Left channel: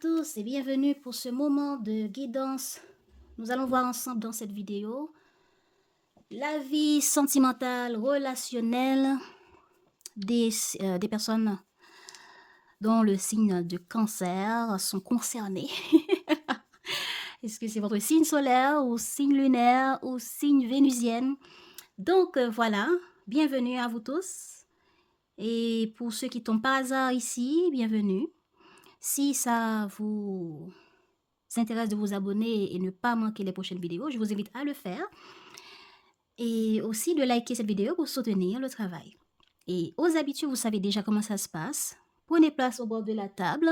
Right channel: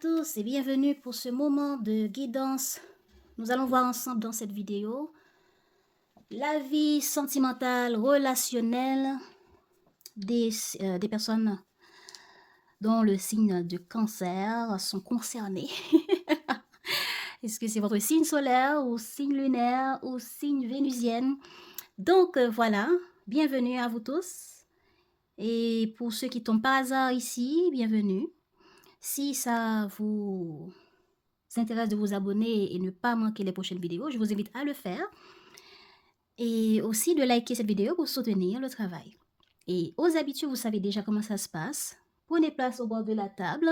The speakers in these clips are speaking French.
tous et bienvenue pour ce moment de guidance. Nous allons voir ensemble dans cette vidéo la vie sentimentale, relationnelle des personnes dont le signe de cancer sont concernés. Est-ce que c'est votre signe solaire ou signe lunaire ou signe vénusienne? Donc voilà, bienvenue à vous tous. Et pour ceux qui tombent par hasard ici, bienvenue. Si ça vous intéresse de vous abonner et ne pas manquer les prochaines vidéos, je vous invite à le faire. Et aussi de liker cette vidéo pour soutenir le travail. Et aux habitudes, vous savez déjà comment ça se passe. Prenez place au bord de la table,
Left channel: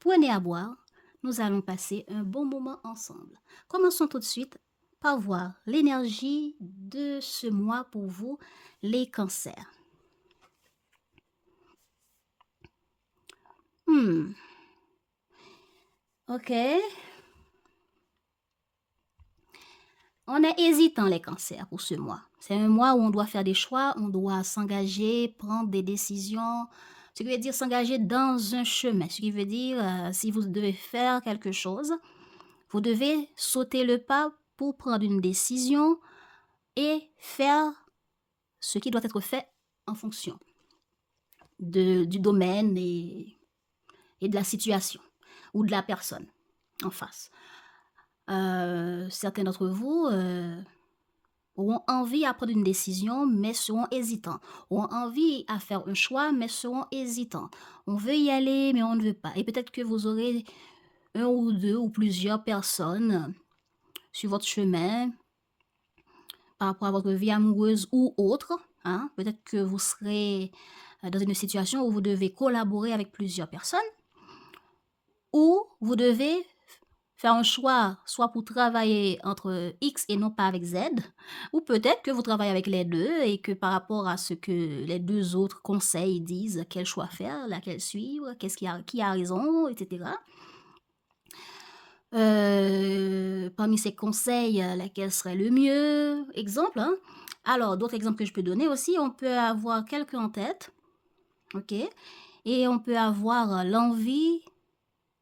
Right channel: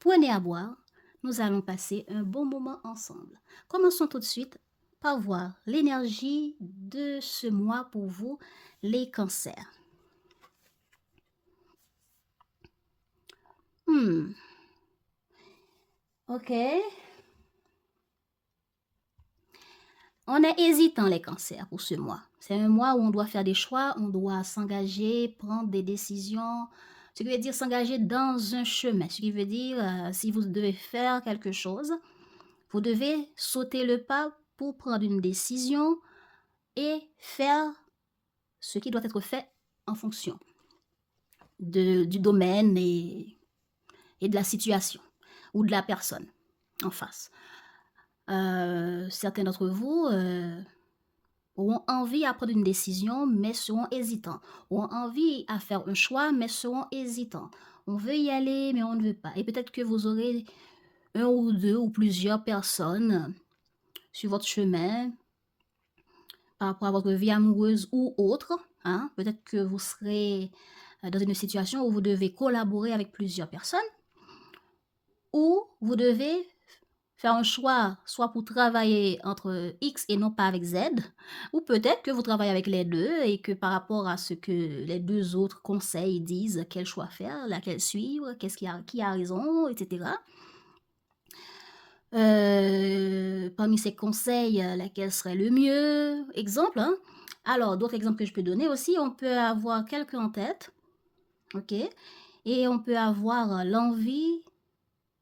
prenez à boire. Nous allons passer un bon moment ensemble. Commençons tout de suite par voir l'énergie de ce mois pour vous, les cancers. Ok. On est hésitant les cancers pour ce mois. C'est un mois où on doit faire des choix, on doit s'engager, prendre des décisions. Ce qui veut dire s'engager dans un chemin. Ce qui veut dire, si vous devez faire quelque chose, vous devez sauter le pas pour prendre une décision et faire ce qui doit être fait en fonction du domaine et de la situation ou de la personne en face. Certains d'entre vous auront envie à prendre une décision, mais seront hésitants. Auront envie à faire un choix, mais seront hésitants. On veut y aller, mais on ne veut pas. Et peut-être que vous aurez un ou deux ou plusieurs personnes sur votre chemin par rapport à votre vie amoureuse ou autre. Hein? Peut-être que vous serez dans une situation où vous devez collaborer avec plusieurs personnes, ou vous devez faire un choix, soit pour travailler entre X et non pas avec Z, ou peut-être que vous travaillez avec les deux et que par rapport à ce que les deux autres conseils disent, quel choix faire, laquelle suivre, qui a raison, etc. Parmi ces conseils, laquelle serait le mieux? Exemple, hein? Alors, d'autres exemples que je peux donner aussi, on peut avoir quelqu'un en tête, ok? Et on peut avoir l'envie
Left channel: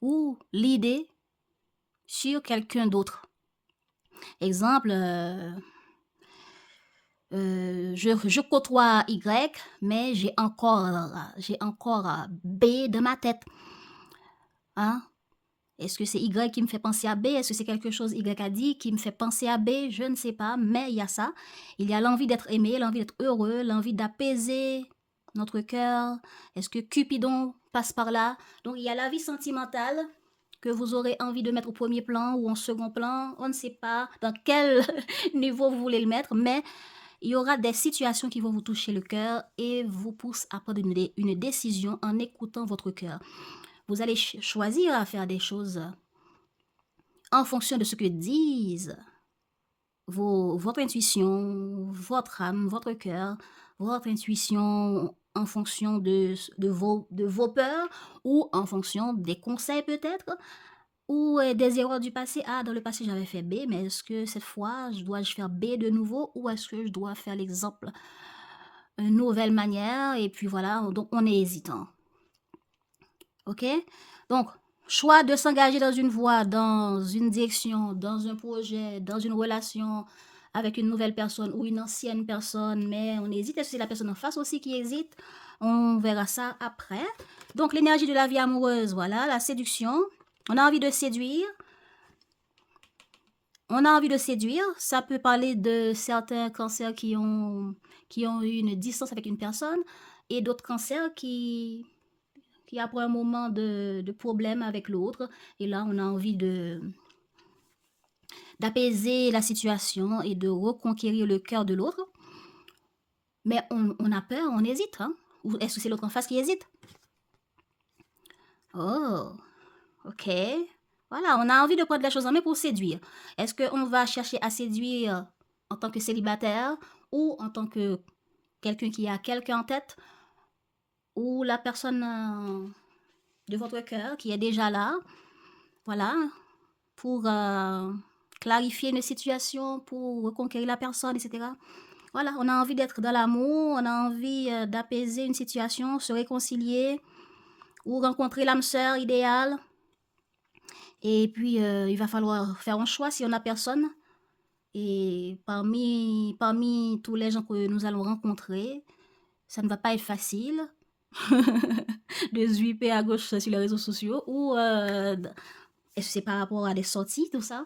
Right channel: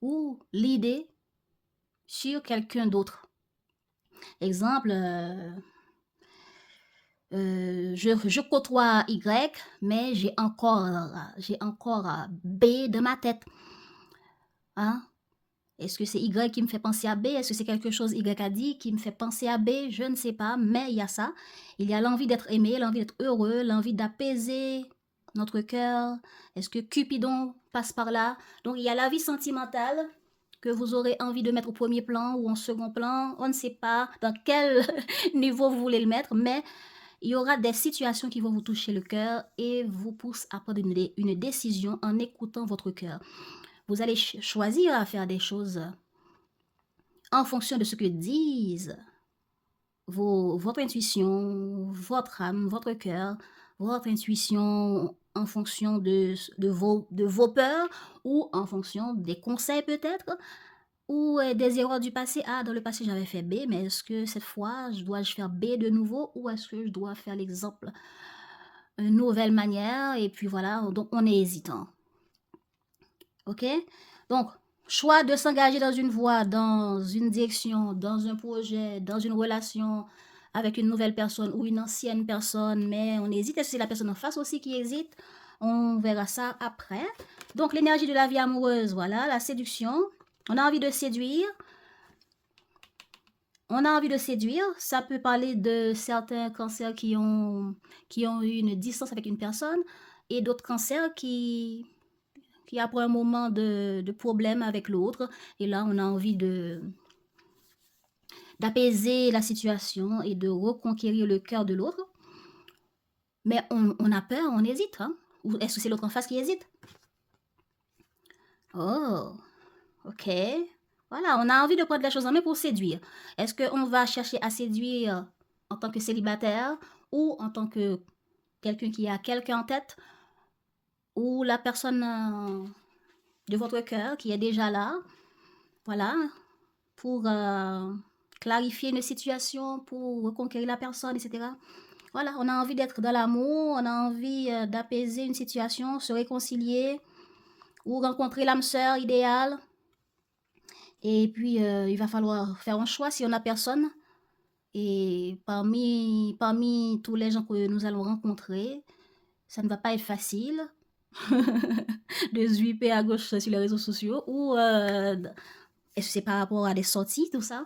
ou l'idée sur quelqu'un d'autre. Exemple, je côtoie Y, mais j'ai encore B dans ma tête. Hein? Est-ce que c'est Y qui me fait penser à B? Est-ce que c'est quelque chose Y a dit qui me fait penser à B? Je ne sais pas, mais il y a ça. Il y a l'envie d'être aimé, l'envie d'être heureux, l'envie d'apaiser notre cœur. Est-ce que Cupidon passe par là? Donc il y a la vie sentimentale que vous aurez envie de mettre au premier plan ou en second plan. On ne sait pas dans quel niveau vous voulez le mettre, mais il y aura des situations qui vont vous toucher le cœur et vous poussent à prendre une décision en écoutant votre cœur. Vous allez choisir à faire des choses en fonction de ce que disent votre intuition, votre âme, votre cœur, votre intuition en fonction de vos peurs ou en fonction des conseils peut-être ou des erreurs du passé. Ah, dans le passé j'avais fait B, mais est-ce que cette fois je dois faire B de nouveau ou est-ce que je dois faire l'exemple une nouvelle manière? Et puis voilà, donc on est hésitant. Ok? Donc, choix de s'engager dans une voie, dans une direction, dans un projet, dans une relation avec une nouvelle personne ou une ancienne personne, mais on hésite. Est-ce que c'est la personne en face aussi qui hésite? On verra ça après. Donc, l'énergie de la vie amoureuse, voilà, la séduction. On a envie de séduire. On a envie de séduire. Ça peut parler de certains cancers qui ont eu une distance avec une personne et d'autres cancers qui après un moment de problème avec l'autre. Et là, on a envie d'apaiser la situation et de reconquérir le cœur de l'autre. Mais on a peur, on hésite. Hein? Ou est-ce que c'est l'autre en face qui hésite? Oh, ok. Voilà, on a envie de prendre les choses en main pour séduire. Est-ce qu'on va chercher à séduire en tant que célibataire ou en tant que quelqu'un qui a quelqu'un en tête ou la personne de votre cœur qui est déjà là? Voilà, pour clarifier les situations, pour reconquérir la personne, etc. Voilà, on a envie d'être dans l'amour, on a envie d'apaiser une situation, se réconcilier ou rencontrer l'âme sœur idéale. Et puis, il va falloir faire un choix si on n'a personne. Et parmi tous les gens que nous allons rencontrer, ça ne va pas être facile de zwipper à gauche sur les réseaux sociaux ou c'est par rapport à des sorties, tout ça.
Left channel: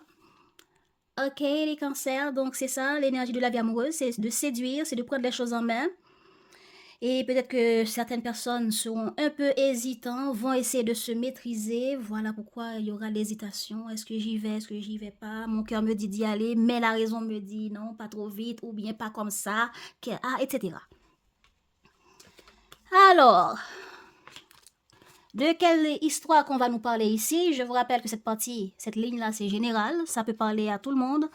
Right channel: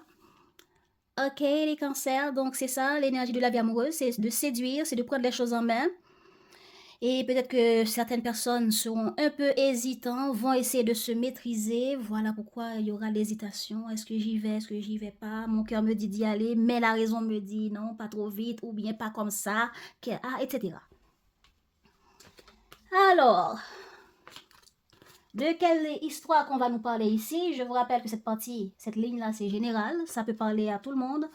Ok, les cancers, donc c'est ça, l'énergie de la vie amoureuse, c'est de séduire, c'est de prendre les choses en main. Et peut-être que certaines personnes seront un peu hésitantes, vont essayer de se maîtriser. Voilà pourquoi il y aura l'hésitation. Est-ce que j'y vais, est-ce que j'y vais pas? Mon cœur me dit d'y aller, mais la raison me dit non, pas trop vite, ou bien pas comme ça, etc. Alors, de quelle histoire qu'on va nous parler ici? Je vous rappelle que cette ligne-là, c'est général. Ça peut parler à tout le monde.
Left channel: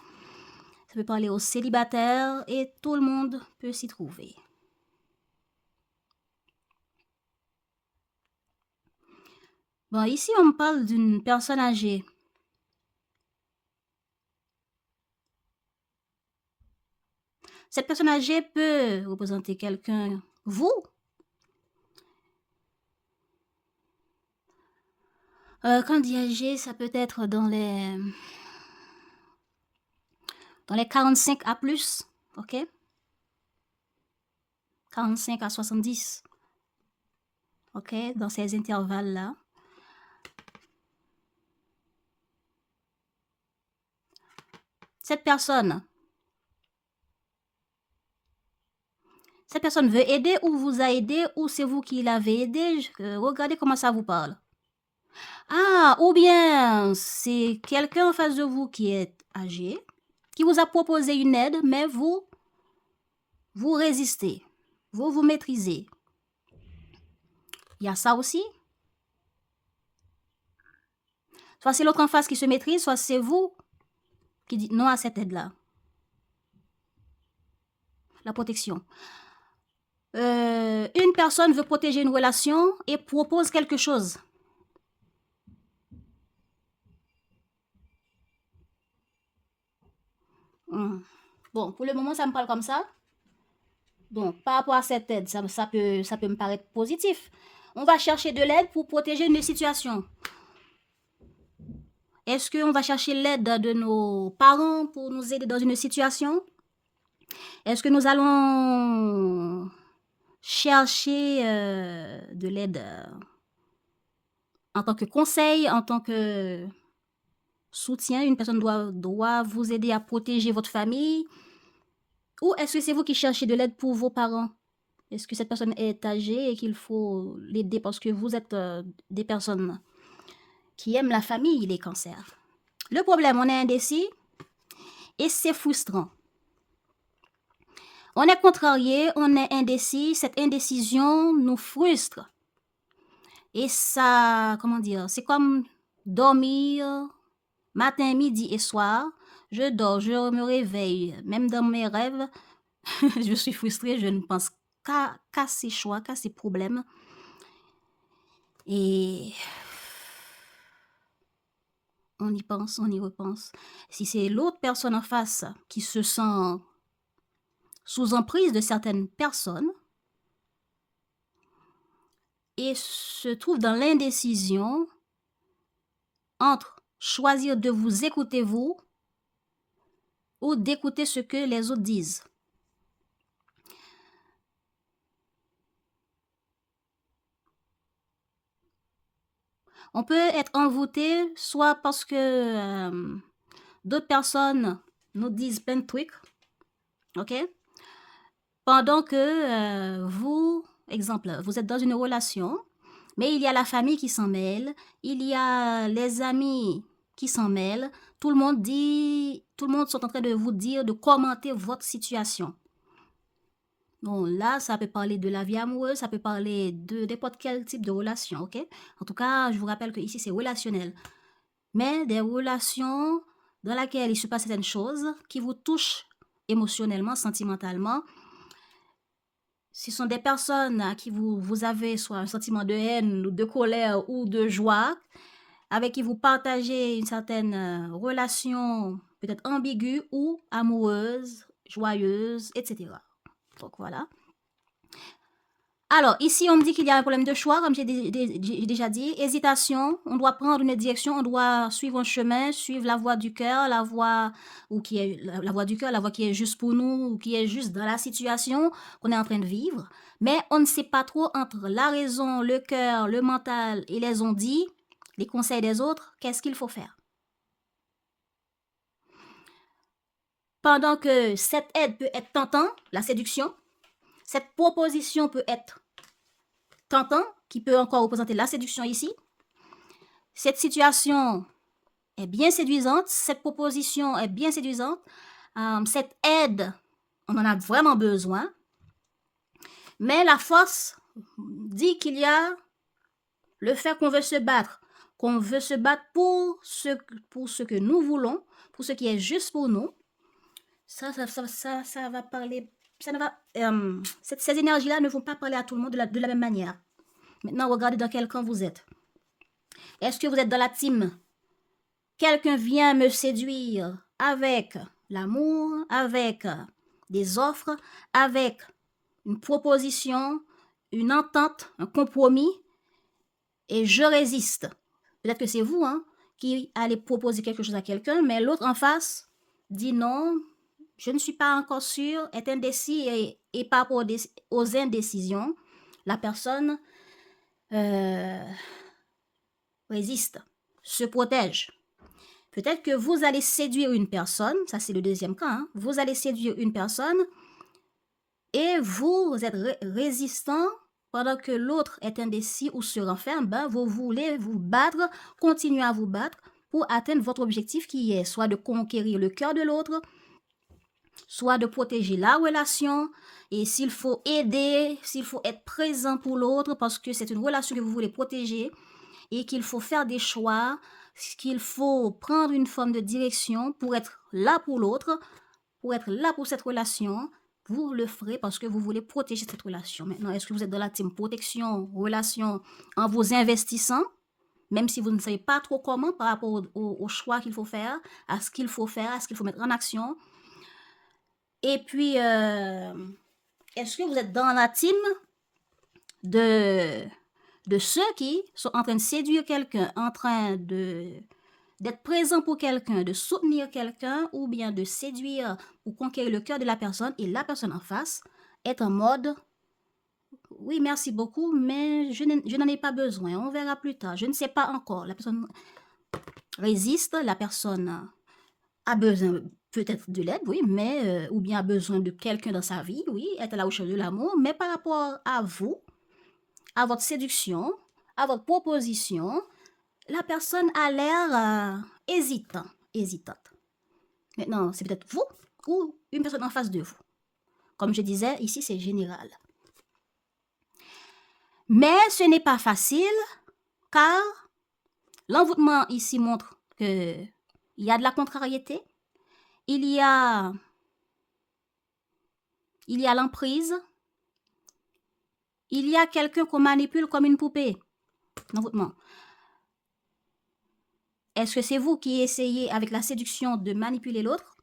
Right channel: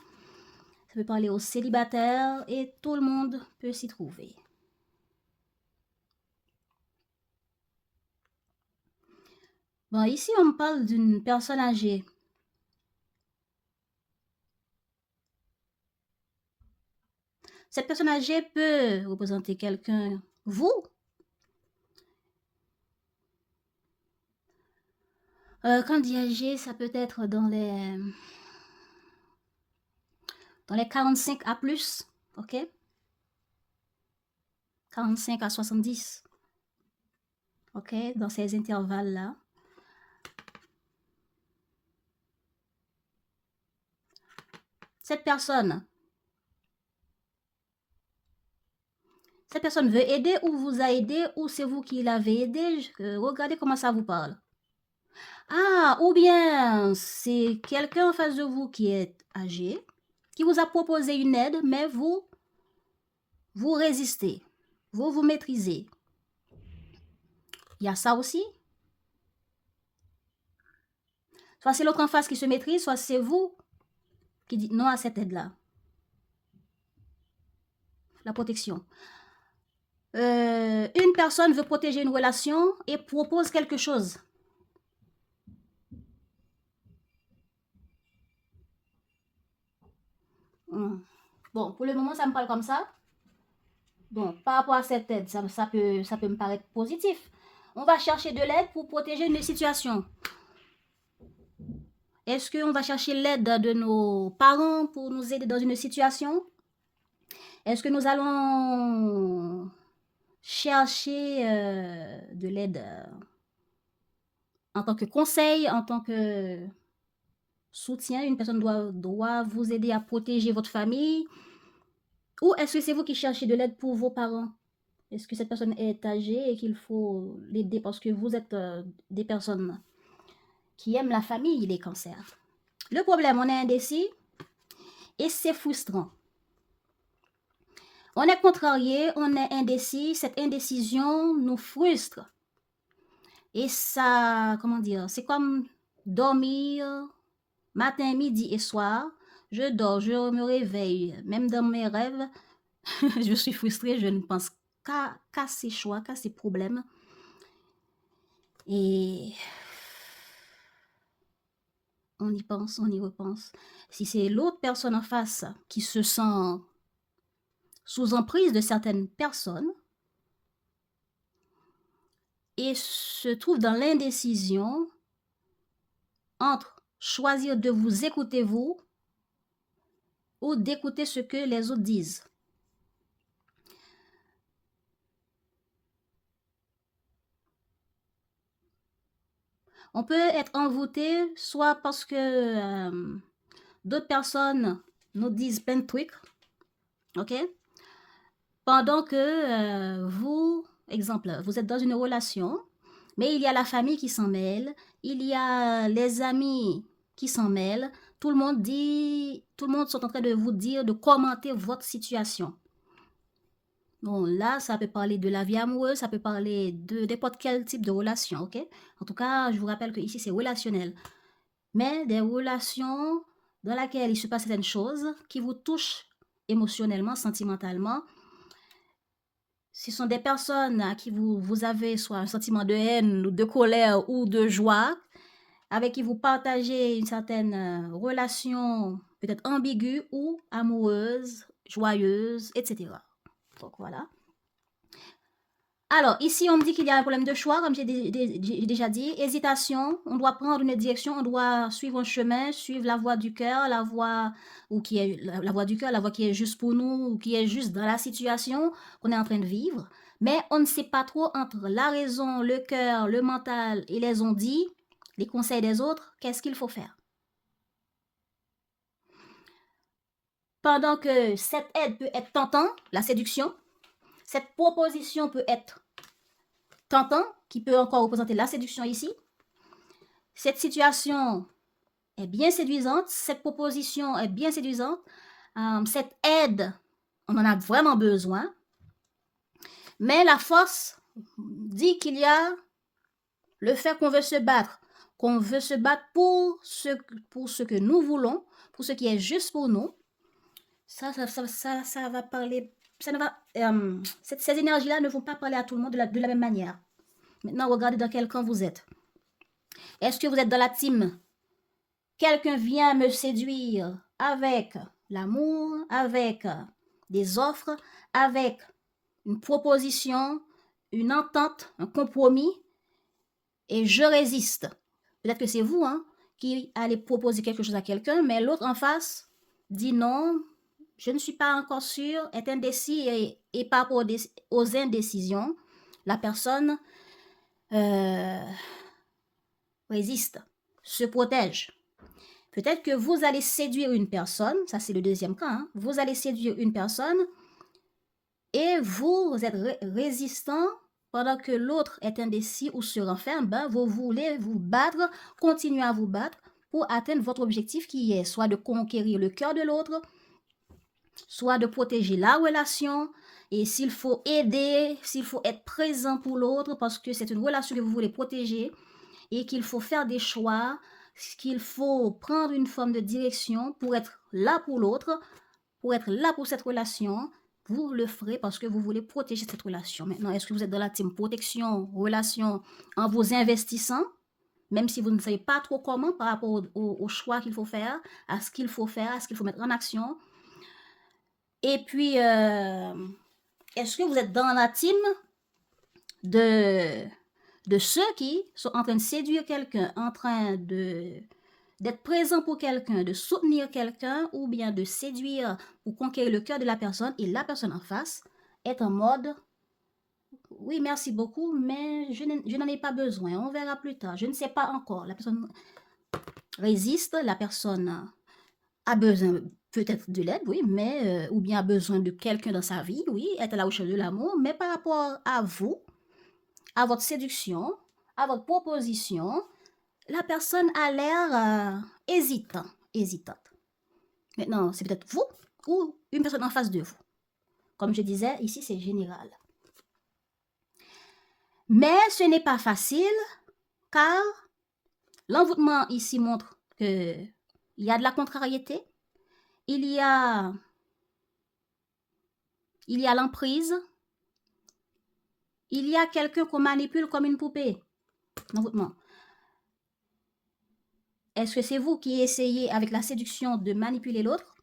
Ça peut parler aux célibataires et tout le monde peut s'y trouver. Bon, ici, on me parle d'une personne âgée. Cette personne âgée peut représenter quelqu'un, vous. Quand on dit âgé, ça peut être dans les 45 à plus, ok? 45 à 70, ok? Dans ces intervalles-là. Cette personne veut aider ou vous a aidé ou c'est vous qui l'avez aidé. Regardez comment ça vous parle. Ah, ou bien c'est quelqu'un en face de vous qui est âgé, qui vous a proposé une aide, mais vous résistez, vous maîtrisez. Il y a ça aussi. Soit c'est l'autre en face qui se maîtrise, soit c'est vous qui dites non à cette aide-là. La protection. Une personne veut protéger une relation et propose quelque chose. Bon, pour le moment, ça me parle comme ça. Donc, par rapport à cette aide, ça peut me paraître positif. On va chercher de l'aide pour protéger une situation. Est-ce qu'on va chercher l'aide de nos parents pour nous aider dans une situation? Est-ce que nous allons chercher de l'aide en tant que conseil, en tant que soutien? Une personne doit vous aider à protéger votre famille? Ou est-ce que c'est vous qui cherchez de l'aide pour vos parents? Est-ce que cette personne est âgée et qu'il faut l'aider parce que vous êtes des personnes qui aiment la famille, les cancers? Le problème, on est indécis et c'est frustrant. On est contrarié, on est indécis, cette indécision nous frustre. Et ça, comment dire, c'est comme dormir matin, midi et soir. Je dors, je me réveille, même dans mes rêves, je suis frustrée, je ne pense qu'à ces choix, qu'à ces problèmes. Et on y pense, on y repense. Si c'est l'autre personne en face qui se sent sous emprise de certaines personnes et se trouve dans l'indécision entre choisir de vous écouter vous ou d'écouter ce que les autres disent. On peut être envoûté soit parce que d'autres personnes nous disent plein de trucs, ok? Pendant que vous, exemple, vous êtes dans une relation, mais il y a la famille qui s'en mêle, il y a les amis qui s'en mêlent, tout le monde sont en train de vous dire, de commenter votre situation. Bon, là, ça peut parler de la vie amoureuse, ça peut parler de n'importe quel type de relation, ok? En tout cas, je vous rappelle que ici, c'est relationnel. Mais des relations dans lesquelles il se passe certaines choses qui vous touchent émotionnellement, sentimentalement. Ce sont des personnes à qui vous avez soit un sentiment de haine, de colère ou de joie, avec qui vous partagez une certaine relation peut-être ambiguë ou amoureuse, joyeuse, etc. Donc voilà. Alors, ici, on me dit qu'il y a un problème de choix, comme j'ai déjà dit. Hésitation, on doit prendre une direction, on doit suivre un chemin, suivre la voie du cœur, la voie, ou qui est la voie du cœur, la voie qui est juste pour nous, ou qui est juste dans la situation qu'on est en train de vivre. Mais on ne sait pas trop entre la raison, le cœur, le mental et les on-dit, les conseils des autres, qu'est-ce qu'il faut faire. Pendant que cette aide peut être tentant, la séduction, cette proposition peut être tentant, qui peut encore représenter la séduction ici. Cette situation est bien séduisante, cette proposition est bien séduisante, cette aide, on en a vraiment besoin. Mais la force dit qu'il y a le fait qu'on veut se battre pour ce que nous voulons, pour ce qui est juste pour nous. Ça va parler, ça ne va, ces énergies-là ne vont pas parler à tout le monde de la même manière. Maintenant, regardez dans quel camp vous êtes. Est-ce que vous êtes dans la team? Quelqu'un vient me séduire avec l'amour, avec des offres, avec une proposition, une entente, un compromis, et je résiste. Peut-être que c'est vous qui allez proposer quelque chose à quelqu'un, mais l'autre en face dit non, je ne suis pas encore sûre, est indécis et par rapport aux indécisions, la personne résiste, se protège. Peut-être que vous allez séduire une personne, ça c'est le deuxième cas, vous allez séduire une personne et vous êtes résistant pendant que l'autre est indécis ou se renferme, vous voulez vous battre, continuer à vous battre pour atteindre votre objectif qui est soit de conquérir le cœur de l'autre, soit de protéger la relation, et s'il faut aider, s'il faut être présent pour l'autre parce que c'est une relation que vous voulez protéger et qu'il faut faire des choix, qu'il faut prendre une forme de direction pour être là pour l'autre, pour être là pour cette relation, vous le ferez parce que vous voulez protéger cette relation. Maintenant, est-ce que vous êtes dans la team protection, relation, en vous investissant, même si vous ne savez pas trop comment par rapport au choix qu'il faut faire, à ce qu'il faut faire, à ce qu'il faut mettre en action. Et puis, est-ce que vous êtes dans la team de ceux qui sont en train de séduire quelqu'un, en train d'être présent pour quelqu'un, de soutenir quelqu'un ou bien de séduire ou conquérir le cœur de la personne et la personne en face est en mode « Oui, merci beaucoup, mais je n'en ai pas besoin, on verra plus tard, je ne sais pas encore. » La personne résiste, la personne a besoin peut-être de l'aide, oui, mais ou bien a besoin de quelqu'un dans sa vie, oui, est à la recherche de l'amour, mais par rapport à vous, à votre séduction, à votre proposition, la personne a l'air hésitante. Maintenant, c'est peut-être vous ou une personne en face de vous. Comme je disais, ici, c'est général. Mais ce n'est pas facile, car l'envoûtement ici montre qu'il y a de la contrariété, il y a l'emprise, il y a quelqu'un qu'on manipule comme une poupée. L'envoûtement. Est-ce que c'est vous qui essayez avec la séduction de manipuler l'autre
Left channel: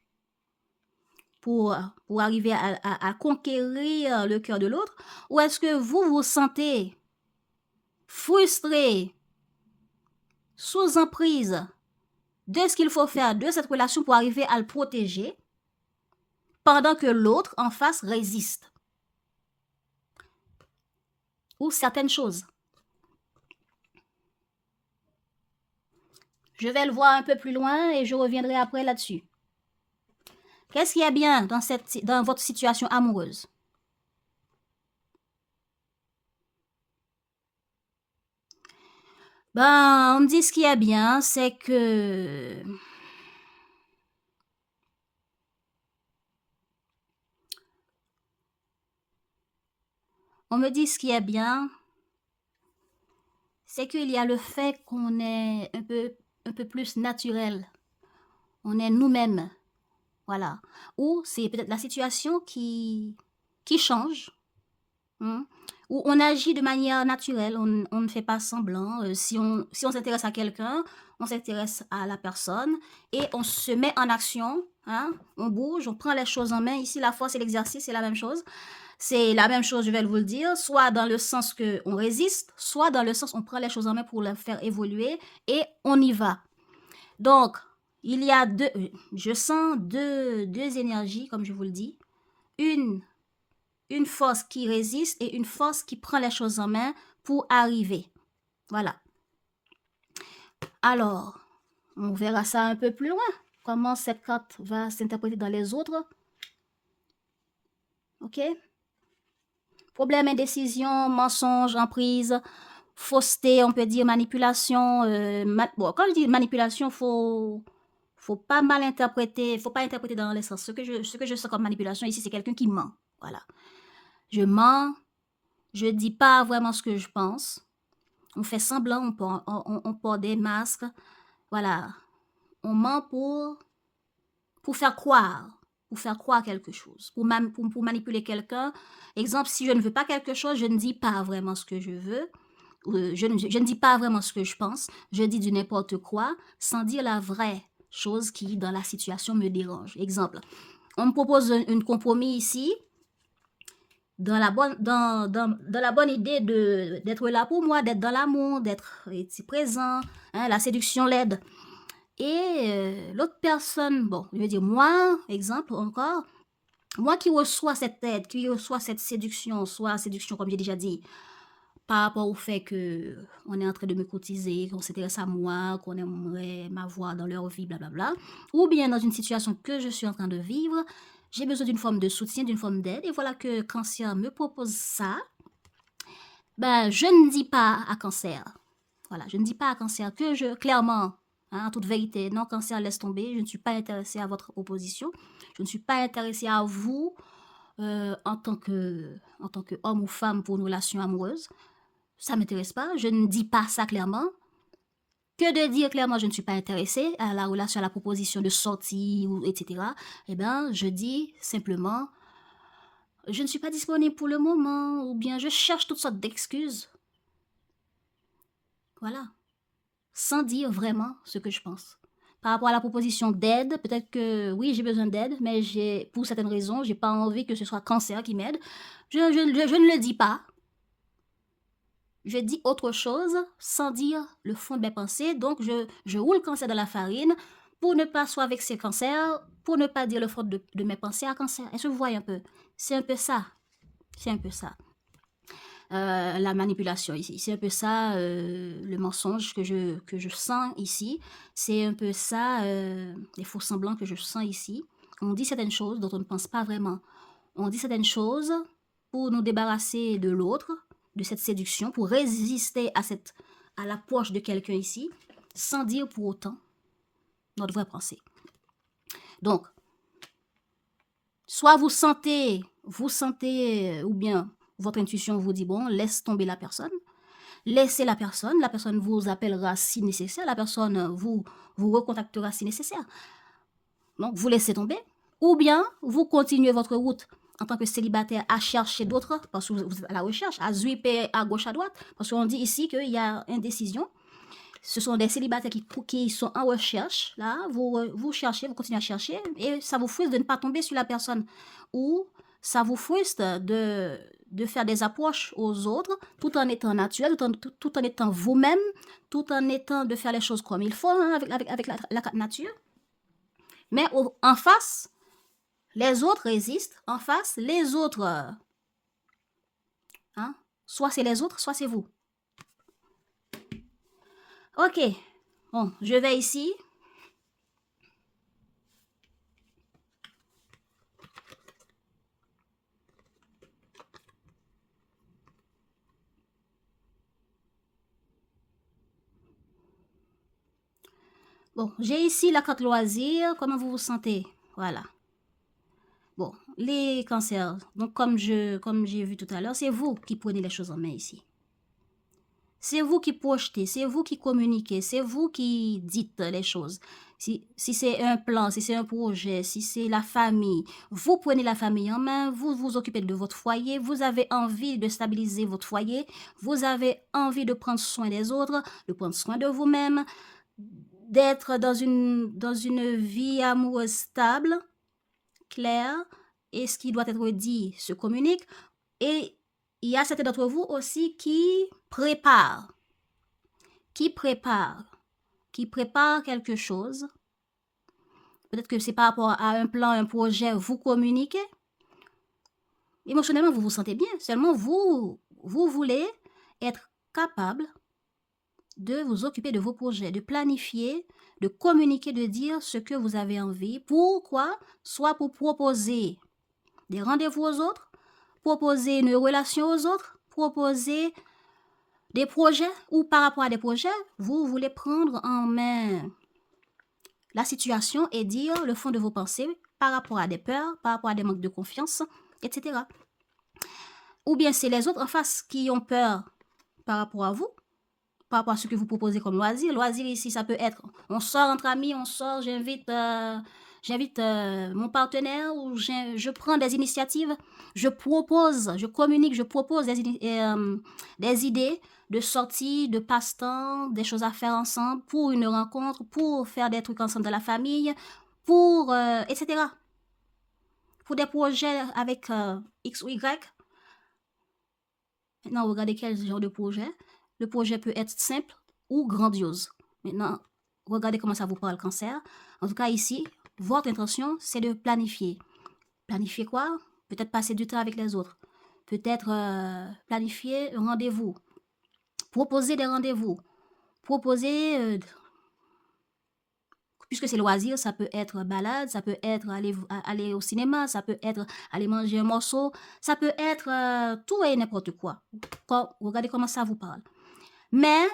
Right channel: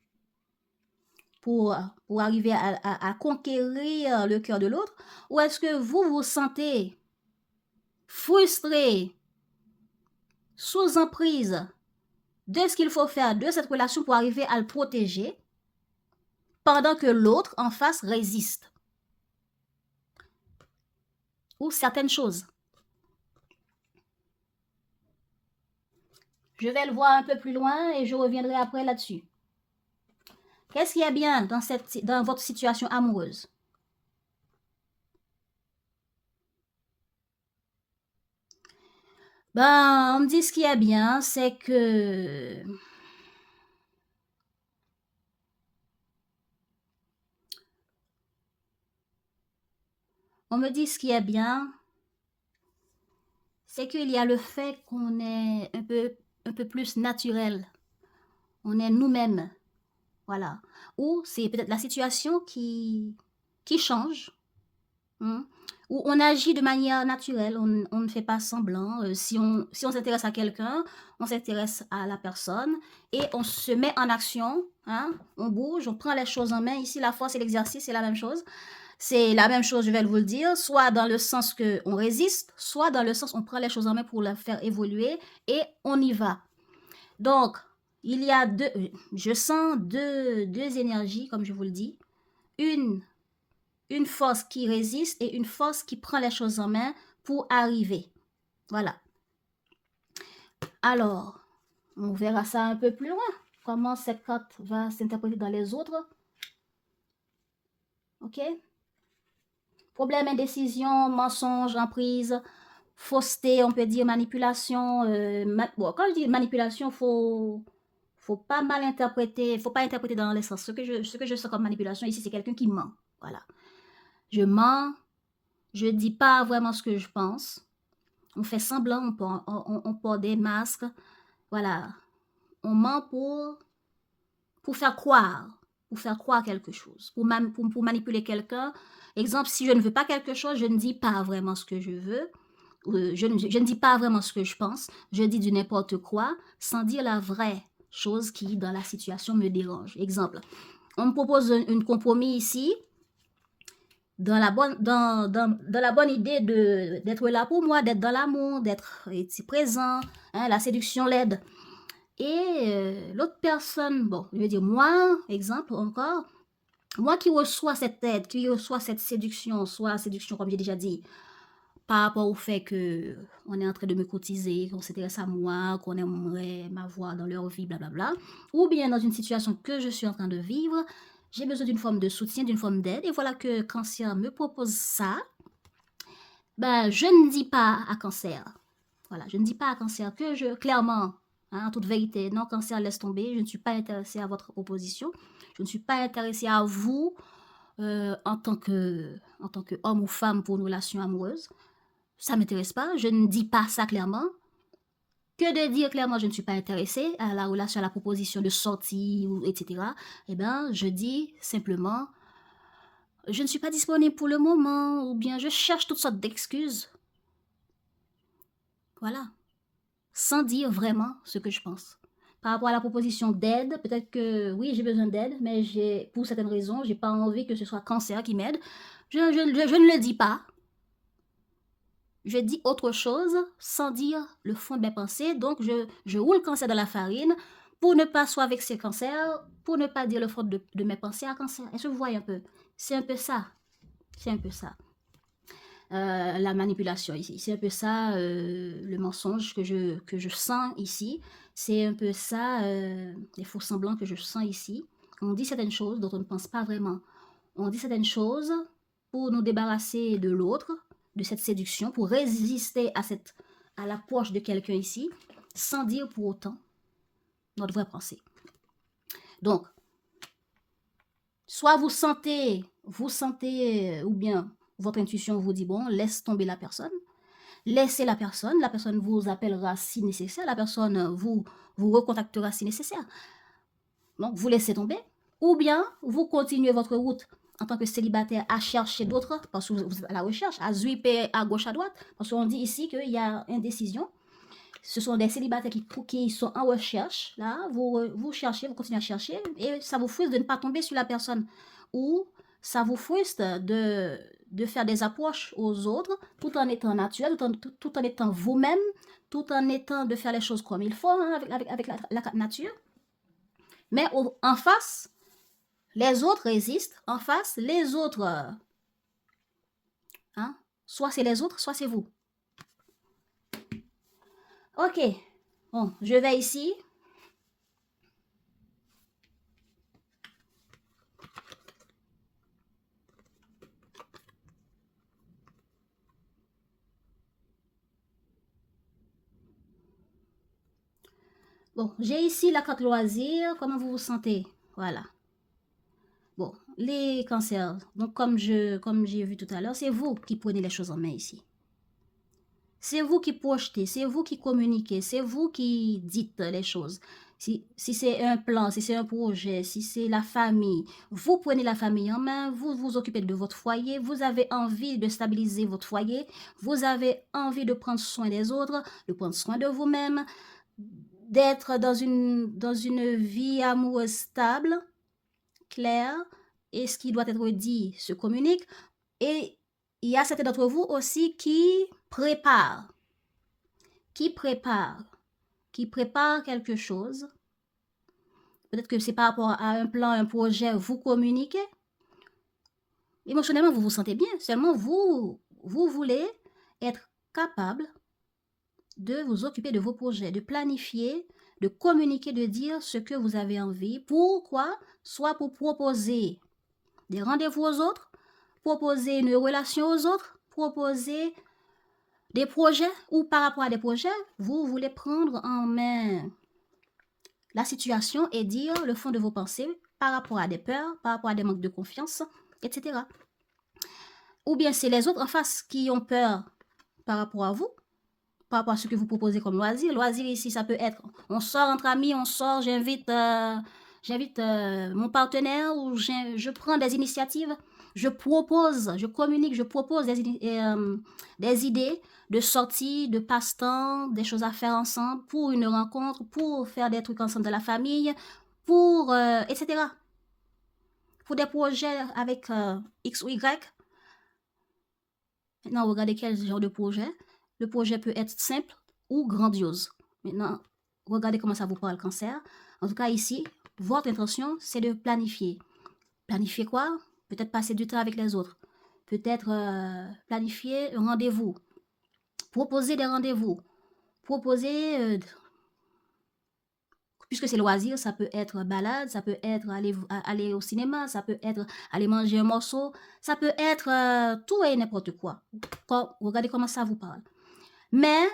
pour arriver à conquérir le cœur de l'autre? Ou est-ce que vous vous sentez frustré, sous emprise de ce qu'il faut faire de cette relation pour arriver à le protéger pendant que l'autre en face résiste? Ou certaines choses. Je vais le voir un peu plus loin et je reviendrai après là-dessus. Qu'est-ce qu'il y a bien dans votre situation amoureuse? On me dit ce qu'il y a bien, c'est que on me dit ce qu'il y a bien, c'est qu'il y a le fait qu'on est un peu plus naturel. On est nous-mêmes. Voilà. Ou c'est peut-être la situation qui change. Où on agit de manière naturelle, on ne fait pas semblant. Si on s'intéresse à quelqu'un, on s'intéresse à la personne et on se met en action. On bouge, on prend les choses en main. Ici, la force et l'exercice, c'est la même chose. C'est la même chose, je vais vous le dire, soit dans le sens qu'on résiste, soit dans le sens on prend les choses en main pour les faire évoluer et on y va. Donc, il y a je sens deux énergies, comme je vous le dis. Une force qui résiste et une force qui prend les choses en main pour arriver. Voilà. Alors, on verra ça un peu plus loin. Comment cette carte va s'interpréter dans les autres. OK? Problème, indécision, mensonge, emprise, fausseté, on peut dire manipulation. Bon, quand je dis manipulation, faut pas mal interpréter, faut pas interpréter dans les sens. Ce que je sens comme manipulation ici, c'est quelqu'un qui ment. Voilà. Je mens, je dis pas vraiment ce que je pense. On fait semblant, on porte des masques. Voilà. On ment pour faire croire quelque chose, pour manipuler quelqu'un. Exemple, si je ne veux pas quelque chose, je ne dis pas vraiment ce que je veux. Je ne dis pas vraiment ce que je pense. Je dis du n'importe quoi sans dire la vraie chose qui, dans la situation, me dérange. Exemple, on me propose un compromis ici, dans la bonne idée d'être là pour moi, d'être dans l'amour, d'être présent, hein, la séduction l'aide. Et l'autre personne, bon, je veux dire moi, exemple encore, moi qui reçois cette aide, qui reçois cette séduction, soit séduction comme j'ai déjà dit, par rapport au fait que on est en train de me cotiser, qu'on s'intéresse à moi, qu'on aimerait m'avoir dans leur vie, blablabla, ou bien dans une situation que je suis en train de vivre, j'ai besoin d'une forme de soutien, d'une forme d'aide, et voilà que Cancer me propose ça. Ben, je ne dis pas à Cancer, voilà, je ne dis pas à Cancer que clairement, hein, en toute vérité, non, Cancer, laisse tomber, je ne suis pas intéressée à votre proposition, je ne suis pas intéressée à vous en tant que homme ou femme pour une relation amoureuse. Ça ne m'intéresse pas, je ne dis pas ça clairement. Que de dire clairement je ne suis pas intéressée à la relation, à la proposition de sortie, etc. Eh bien, je dis simplement, je ne suis pas disponible pour le moment, ou bien je cherche toutes sortes d'excuses. Voilà. Sans dire vraiment ce que je pense. Par rapport à la proposition d'aide, peut-être que oui, j'ai besoin d'aide, mais pour certaines raisons, j'ai pas envie que ce soit Cancer qui m'aide. Je ne le dis pas. Je dis autre chose sans dire le fond de mes pensées. Donc, je roule Cancer dans la farine pour ne pas soit vexer Cancer, pour ne pas dire le fond de mes pensées à Cancer. Est-ce que vous voyez un peu? C'est un peu ça. C'est un peu ça. La manipulation ici. C'est un peu ça, le mensonge que je sens ici. C'est un peu ça, les faux semblants que je sens ici. On dit certaines choses dont on ne pense pas vraiment. On dit certaines choses pour nous débarrasser de l'autre, de cette séduction, pour résister à l'approche de quelqu'un ici, sans dire pour autant notre vraie pensée. Donc, soit vous sentez, ou bien votre intuition vous dit, bon, laisse tomber la personne, laissez la personne vous appellera si nécessaire, la personne vous recontactera si nécessaire. Donc, vous laissez tomber, ou bien vous continuez votre route en tant que célibataire à chercher d'autres, parce que vous êtes à la recherche, à zwipper à gauche, à droite, parce qu'on dit ici qu'il y a indécision. Ce sont des célibataires qui sont en recherche, là, vous cherchez, vous continuez à chercher, et ça vous frustre de ne pas tomber sur la personne, ou ça vous frustre de faire des approches aux autres, tout en étant naturel, tout en étant vous-même, tout en étant de faire les choses comme il faut, hein, avec la nature. Mais en face, les autres résistent. En face, les autres, hein, soit c'est les autres, soit c'est vous. Ok, bon, je vais ici. Bon, j'ai ici la carte loisir. Comment vous vous sentez? Voilà. Bon, les cancers. Donc, comme j'ai vu tout à l'heure, c'est vous qui prenez les choses en main ici. C'est vous qui projetez, c'est vous qui communiquez, c'est vous qui dites les choses. Si c'est un plan, si c'est un projet, si c'est la famille, vous prenez la famille en main, vous vous occupez de votre foyer, vous avez envie de stabiliser votre foyer, vous avez envie de prendre soin des autres, de prendre soin de vous-même, d'être dans une vie amoureuse stable, claire, et ce qui doit être dit se communique. Et il y a certains d'entre vous aussi qui préparent quelque chose. Peut-être que c'est par rapport à un plan, un projet, vous communiquez. Émotionnellement, vous vous sentez bien. Seulement, vous voulez être capable de vous occuper de vos projets, de planifier, de communiquer, de dire ce que vous avez envie. Pourquoi? Soit pour proposer des rendez-vous aux autres, proposer une relation aux autres, proposer des projets, ou par rapport à des projets, vous voulez prendre en main la situation et dire le fond de vos pensées par rapport à des peurs, par rapport à des manques de confiance, etc. Ou bien c'est les autres en face qui ont peur par rapport à vous, par rapport à ce que vous proposez comme loisir. Loisir ici, ça peut être, on sort entre amis, on sort, j'invite mon partenaire, ou je prends des initiatives, je propose, je communique, je propose des idées de sortie, de passe-temps, des choses à faire ensemble, pour une rencontre, pour faire des trucs ensemble de la famille, pour, etc. Pour des projets avec X ou Y. Maintenant, regardez quel genre de projet. Le projet peut être simple ou grandiose. Maintenant, regardez comment ça vous parle, Cancer. En tout cas, ici, votre intention, c'est de planifier. Planifier quoi? Peut-être passer du temps avec les autres. Peut-être planifier un rendez-vous. Proposer des rendez-vous. Proposer, puisque c'est loisir, ça peut être balade, ça peut être aller au cinéma, ça peut être aller manger un morceau, ça peut être tout et n'importe quoi. Regardez comment ça vous parle. Mais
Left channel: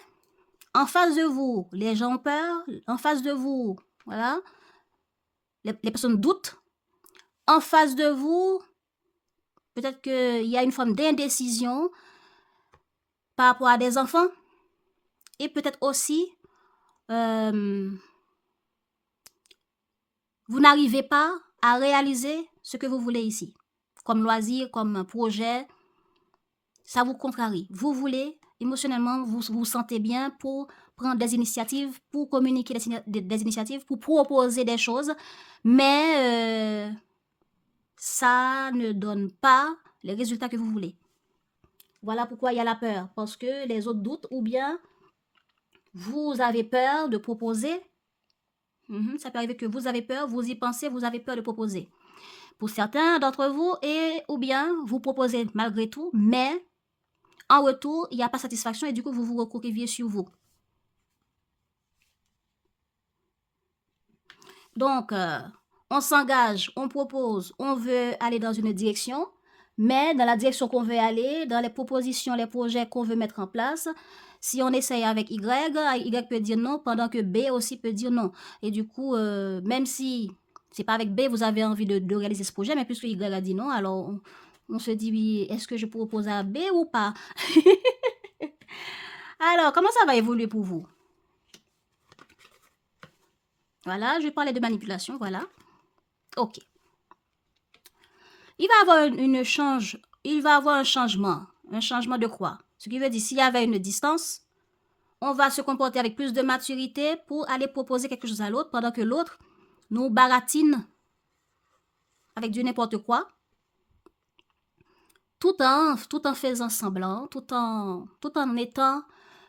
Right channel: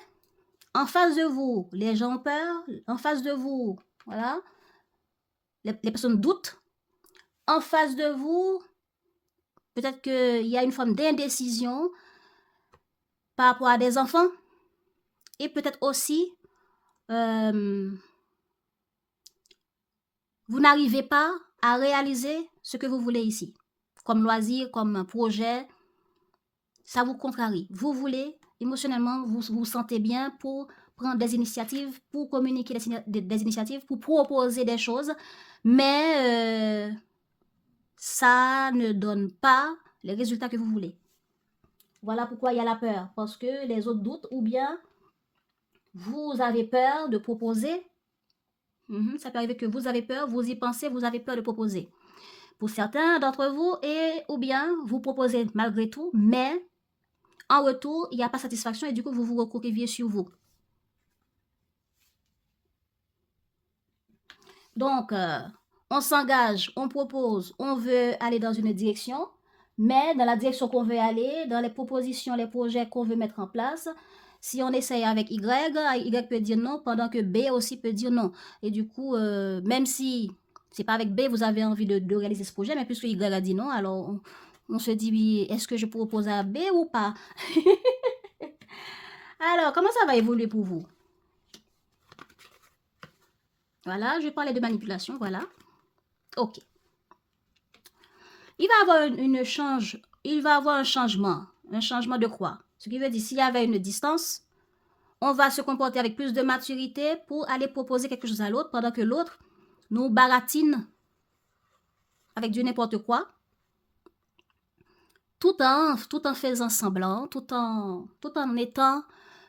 en face de vous, les gens ont peur. En face de vous, voilà, les personnes doutent. En face de vous, peut-être qu'il y a une forme d'indécision par rapport à des enfants. Et peut-être aussi, vous n'arrivez pas à réaliser ce que vous voulez ici. Comme loisir, comme projet, ça vous contrarie. Vous voulez, émotionnellement, vous vous sentez bien pour prendre des initiatives, pour communiquer des initiatives, pour proposer des choses, mais ça ne donne pas les résultats que vous voulez. Voilà pourquoi il y a la peur, parce que les autres doutent, ou bien vous avez peur de proposer. Ça peut arriver que vous avez peur, vous y pensez, vous avez peur de proposer. Pour certains d'entre vous, ou bien vous proposez malgré tout, mais en retour, il n'y a pas satisfaction et du coup, vous vous recroquevillez sur vous. Donc, on s'engage, on propose, on veut aller dans une direction, mais dans la direction qu'on veut aller, dans les propositions, les projets qu'on veut mettre en place, si on essaye avec Y, Y peut dire non, pendant que B aussi peut dire non. Et du coup, même si c'est pas avec B, vous avez envie de réaliser ce projet, mais puisque Y a dit non, alors on se dit, est-ce que je propose à B ou pas? Alors, comment ça va évoluer pour vous? Voilà, je parlais de manipulation, voilà. Ok. Il va avoir un changement. Un changement de quoi? Ce qui veut dire, s'il y avait une distance, on va se comporter avec plus de maturité pour aller proposer quelque chose à l'autre, pendant que l'autre nous baratine avec du n'importe quoi, tout en faisant semblant, tout en étant,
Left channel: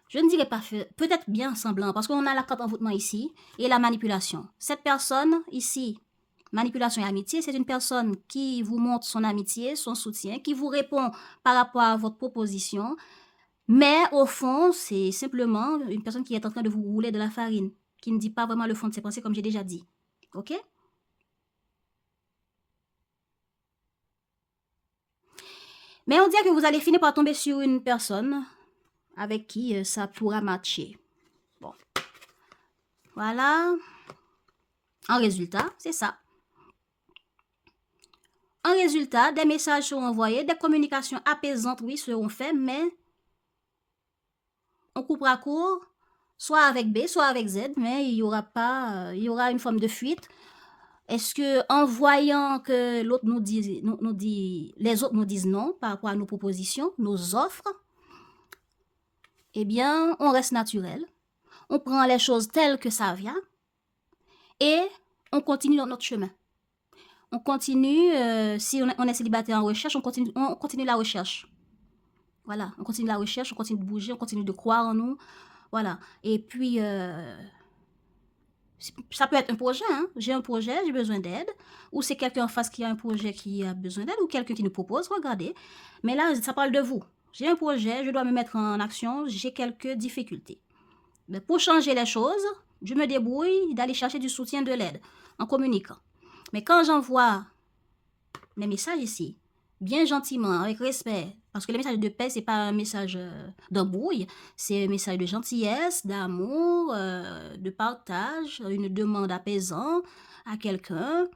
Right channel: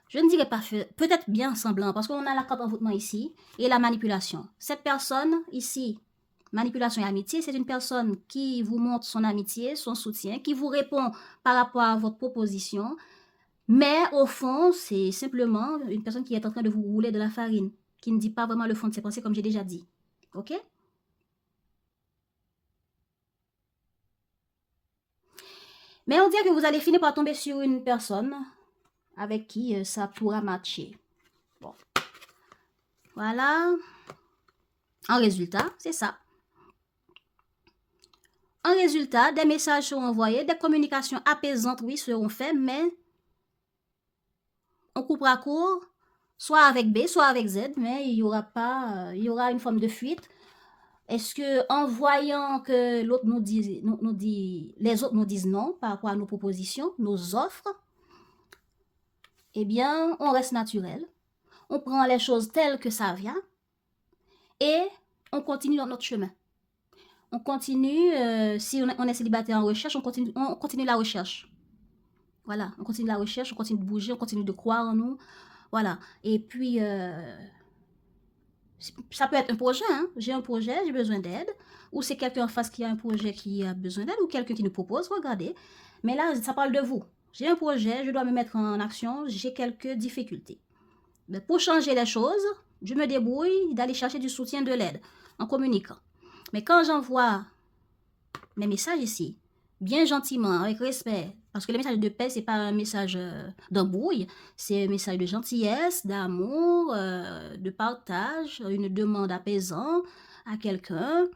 je ne dirais pas peut-être bien semblant, parce qu'on a la carte envoûtement ici, et la manipulation. Cette personne ici, manipulation et amitié, c'est une personne qui vous montre son amitié, son soutien, qui vous répond par rapport à votre proposition, mais au fond, c'est simplement une personne qui est en train de vous rouler de la farine, qui ne dit pas vraiment le fond de ses pensées, comme j'ai déjà dit. Ok? Mais on dirait que vous allez finir par tomber sur une personne avec qui ça pourra matcher. Bon. Voilà. En résultat, c'est ça. En résultat, des messages seront envoyés, des communications apaisantes, oui, seront faites, mais on coupera court, soit avec B, soit avec Z, mais il y aura une forme de fuite. Est-ce que en voyant que l'autre nous dit, les autres nous disent non par rapport à nos propositions, nos offres, eh bien, on reste naturel. On prend les choses telles que ça vient et on continue dans notre chemin. on continue, si on est célibataire en recherche, on continue la recherche. Voilà, on continue la recherche, on continue de bouger, on continue de croire en nous. Voilà. Et puis, ça peut être un projet, hein. J'ai un projet, j'ai besoin d'aide. Ou c'est quelqu'un en face qui a un projet qui a besoin d'aide, ou quelqu'un qui nous propose, regardez. Mais là, ça parle de vous. J'ai un projet, je dois me mettre en action, j'ai quelques difficultés. Mais pour changer les choses, je me débrouille d'aller chercher du soutien, de l'aide, en communiquant. Mais quand j'envoie mes messages ici, bien gentiment, avec respect, parce que le message de paix, c'est pas un message d'embrouille, c'est un message de gentillesse, d'amour, de partage, une demande apaisante à quelqu'un.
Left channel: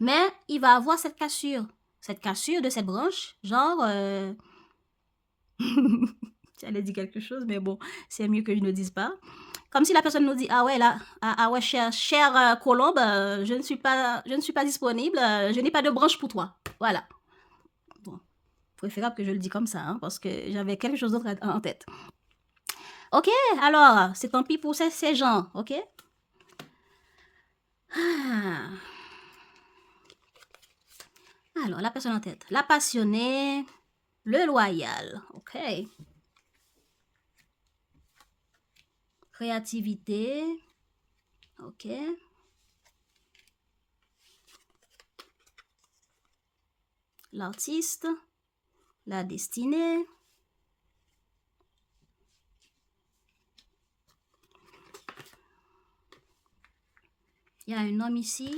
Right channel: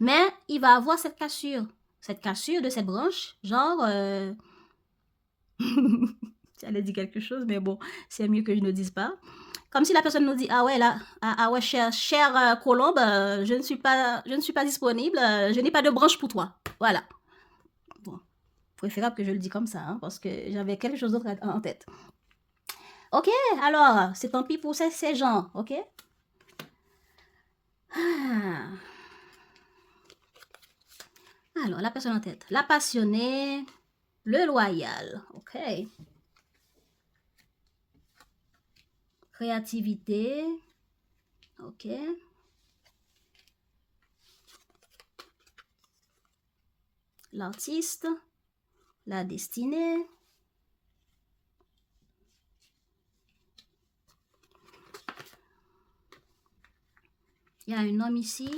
Mais il va avoir cette cassure de cette branche, genre... J'allais dire quelque chose, mais bon, c'est mieux que je ne dise pas. Comme si la personne nous dit, ah ouais, là, ah ouais, cher Colombe, je ne suis pas disponible, je n'ai pas de branche pour toi. Voilà. Bon, préférable que je le dise comme ça, hein, parce que j'avais quelque chose d'autre en tête. Ok, alors, c'est tant pis pour ces gens, ok? Ah. Alors, la personne en tête. La passionnée, le loyal, ok? Créativité, ok? L'artiste, la destinée, il y a un homme ici,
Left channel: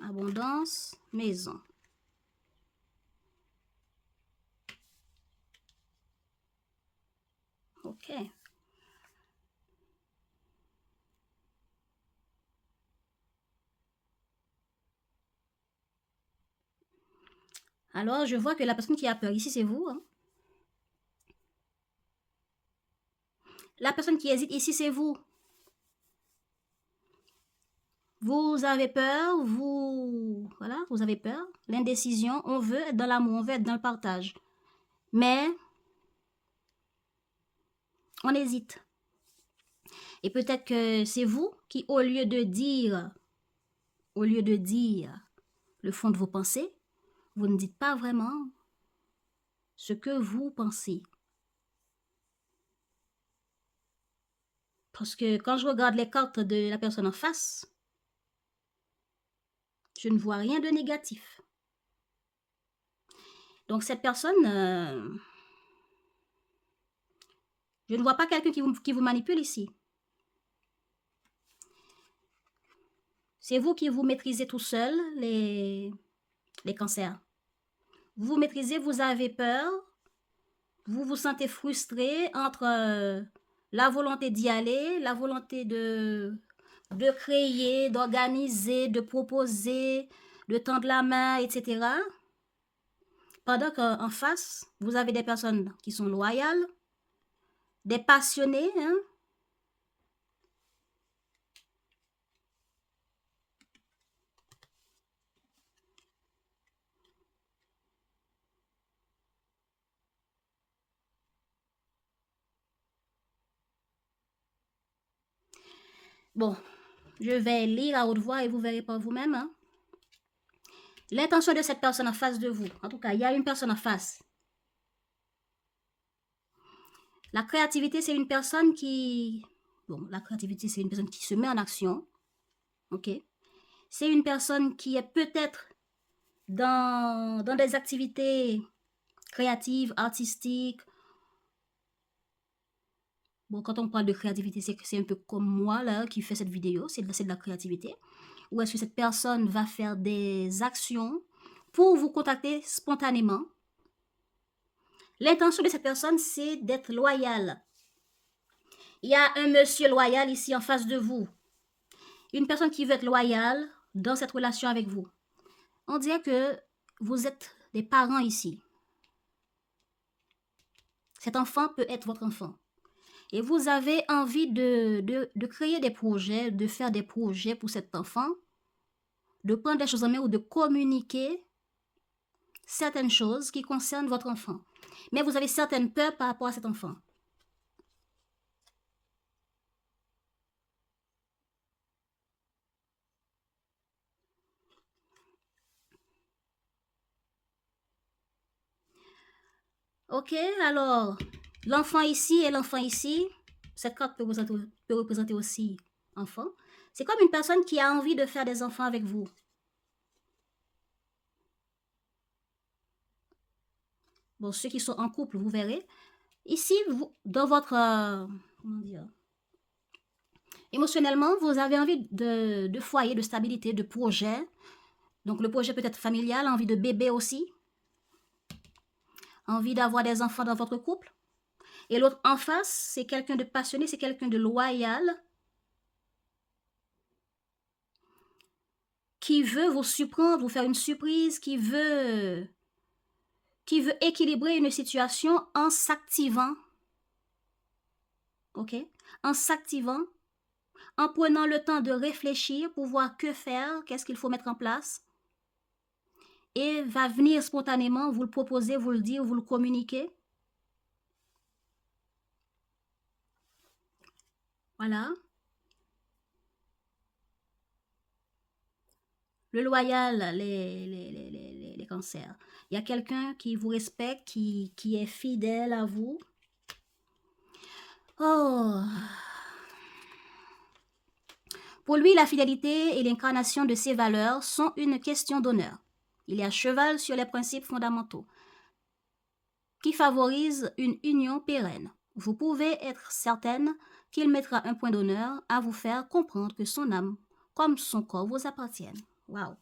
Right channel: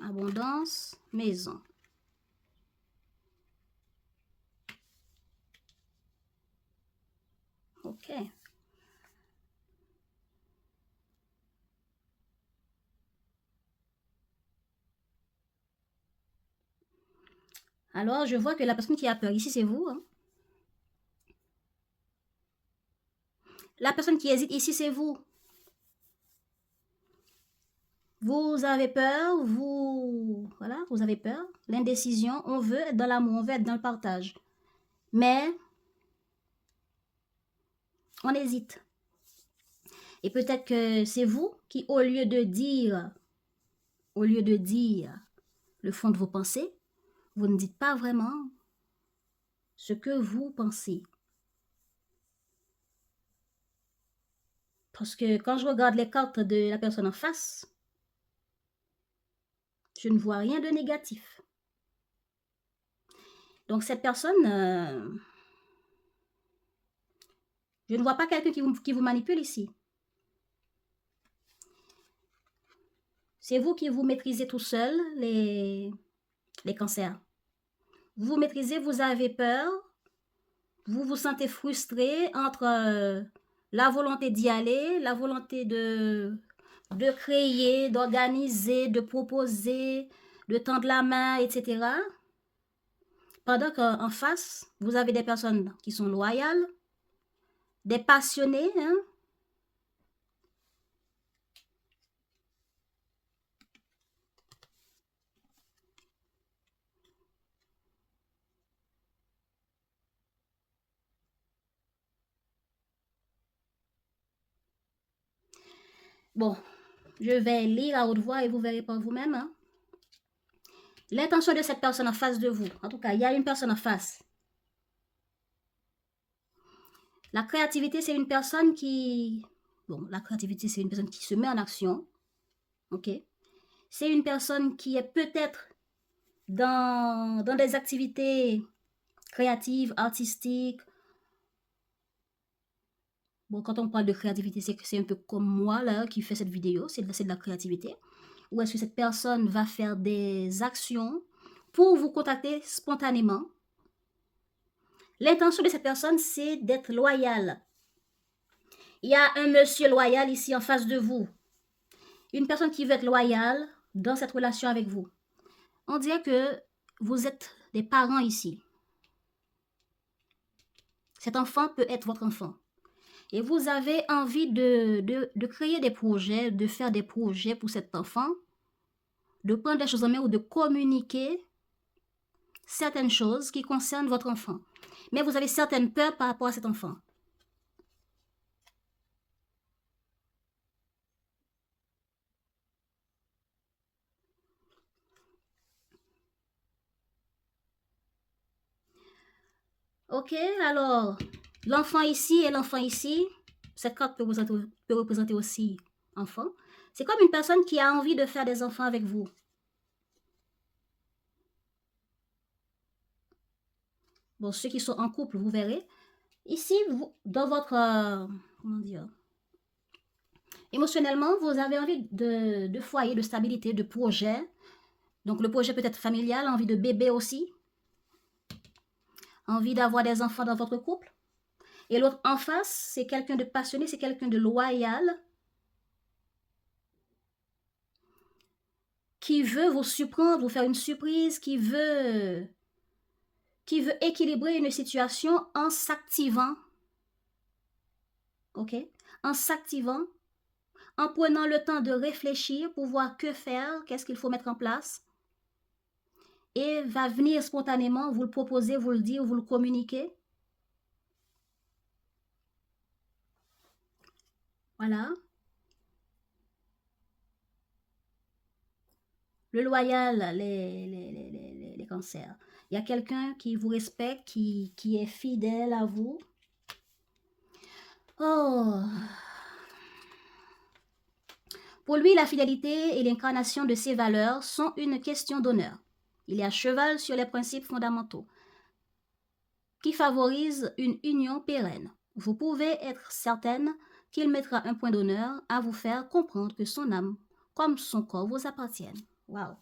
abondance, maison. Ok. Alors, je vois que la personne qui a peur ici, c'est vous. Hein? La personne qui hésite ici, c'est vous. Vous avez peur, voilà, vous avez peur. L'indécision, on veut être dans l'amour, on veut être dans le partage. Mais, on hésite. Et peut-être que c'est vous qui, au lieu de dire le fond de vos pensées, vous ne dites pas vraiment ce que vous pensez. Parce que quand je regarde les cartes de la personne en face, je ne vois rien de négatif. Donc cette personne, je ne vois pas quelqu'un qui vous manipule ici. C'est vous qui vous maîtrisez tout seul, les cancers. Vous vous maîtrisez, vous avez peur, vous vous sentez frustré entre la volonté d'y aller, la volonté de créer, d'organiser, de proposer, de tendre la main, etc. Pendant qu'en face, vous avez des personnes qui sont loyales, des passionnés, hein. Bon, je vais lire à haute voix et vous verrez par vous-même. Hein. L'intention de cette personne en face de vous, en tout cas, il y a une personne en face. La créativité, c'est une personne qui... Bon, la créativité, c'est une personne qui se met en action. Ok? C'est une personne qui est peut-être dans des activités créatives, artistiques. Bon, quand on parle de créativité, c'est un peu comme moi, là, qui fait cette vidéo. C'est de la créativité. Ou est-ce que cette personne va faire des actions pour vous contacter spontanément? L'intention de cette personne, c'est d'être loyale. Il y a un monsieur loyal ici en face de vous. Une personne qui veut être loyale dans cette relation avec vous. On dirait que vous êtes des parents ici. Cet enfant peut être votre enfant. Et vous avez envie de créer des projets, de faire des projets pour cet enfant, de prendre des choses en main ou de communiquer certaines choses qui concernent votre enfant. Mais vous avez certaines peurs par rapport à cet enfant. Ok, alors, l'enfant ici et l'enfant ici, cette carte peut représenter aussi enfant. C'est comme une personne qui a envie de faire des enfants avec vous. Bon, ceux qui sont en couple, vous verrez. Ici, vous, dans votre, comment dire, émotionnellement, vous avez envie de foyer, de stabilité, de projet. Donc, le projet peut être familial, envie de bébé aussi. Envie d'avoir des enfants dans votre couple. Et l'autre en face, c'est quelqu'un de passionné, c'est quelqu'un de loyal, qui veut vous surprendre, vous faire une surprise, qui veut équilibrer une situation en s'activant, ok? En s'activant, en prenant le temps de réfléchir pour voir que faire, qu'est-ce qu'il faut mettre en place, et va venir spontanément vous le proposer, vous le dire, vous le communiquer. Voilà. Le loyal, les cancers. Il y a quelqu'un qui vous respecte, qui est fidèle à vous. Oh. Pour lui, la fidélité et l'incarnation de ses valeurs sont une question d'honneur. Il est à cheval sur les principes fondamentaux qui favorisent une union pérenne. Vous pouvez être certaine qu'il mettra un point d'honneur à vous faire comprendre que son âme, comme son corps, vous appartiennent. Waouh!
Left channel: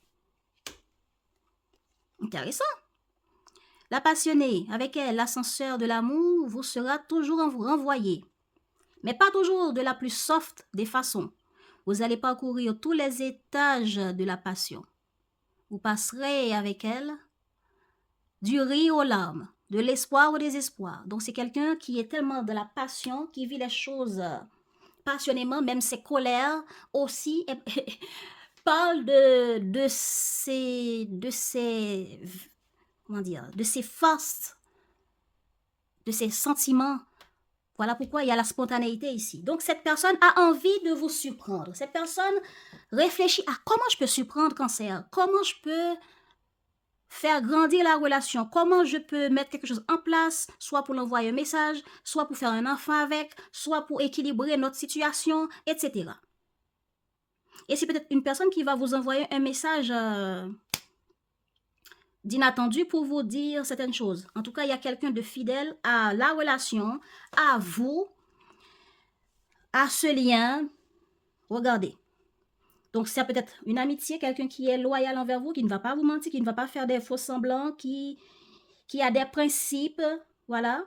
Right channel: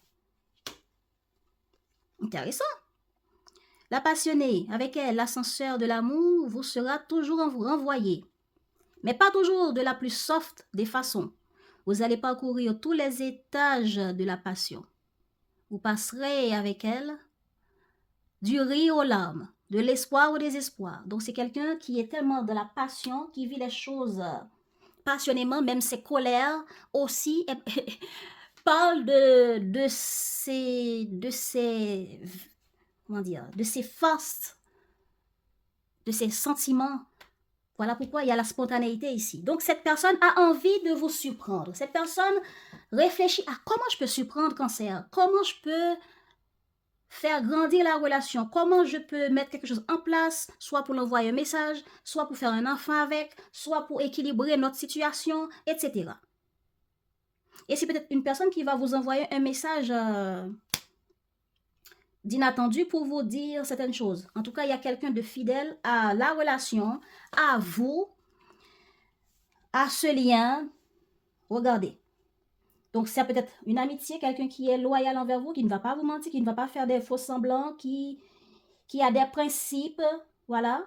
Intéressant! La passionnée, avec elle, l'ascenseur de l'amour vous sera toujours renvoyé, mais pas toujours de la plus soft des façons. Vous allez parcourir tous les étages de la passion. Vous passerez avec elle du rire aux larmes, de l'espoir au désespoir. Donc c'est quelqu'un qui est tellement de la passion, qui vit les choses passionnément, même ses colères aussi, parle de ses comment dire, de ses forces, de ses sentiments. Voilà pourquoi il y a la spontanéité ici. Donc cette personne a envie de vous surprendre. Cette personne réfléchit à comment je peux surprendre Cancer, comment je peux faire grandir la relation, comment je peux mettre quelque chose en place, soit pour l'envoyer un message, soit pour faire un enfant avec, soit pour équilibrer notre situation, etc. Et c'est peut-être une personne qui va vous envoyer un message d'inattendu pour vous dire certaines choses. En tout cas, il y a quelqu'un de fidèle à la relation, à vous, à ce lien. Regardez. Donc, ça peut être une amitié, quelqu'un qui est loyal envers vous, qui ne va pas vous mentir, qui ne va pas faire des faux semblants, qui a des principes, voilà.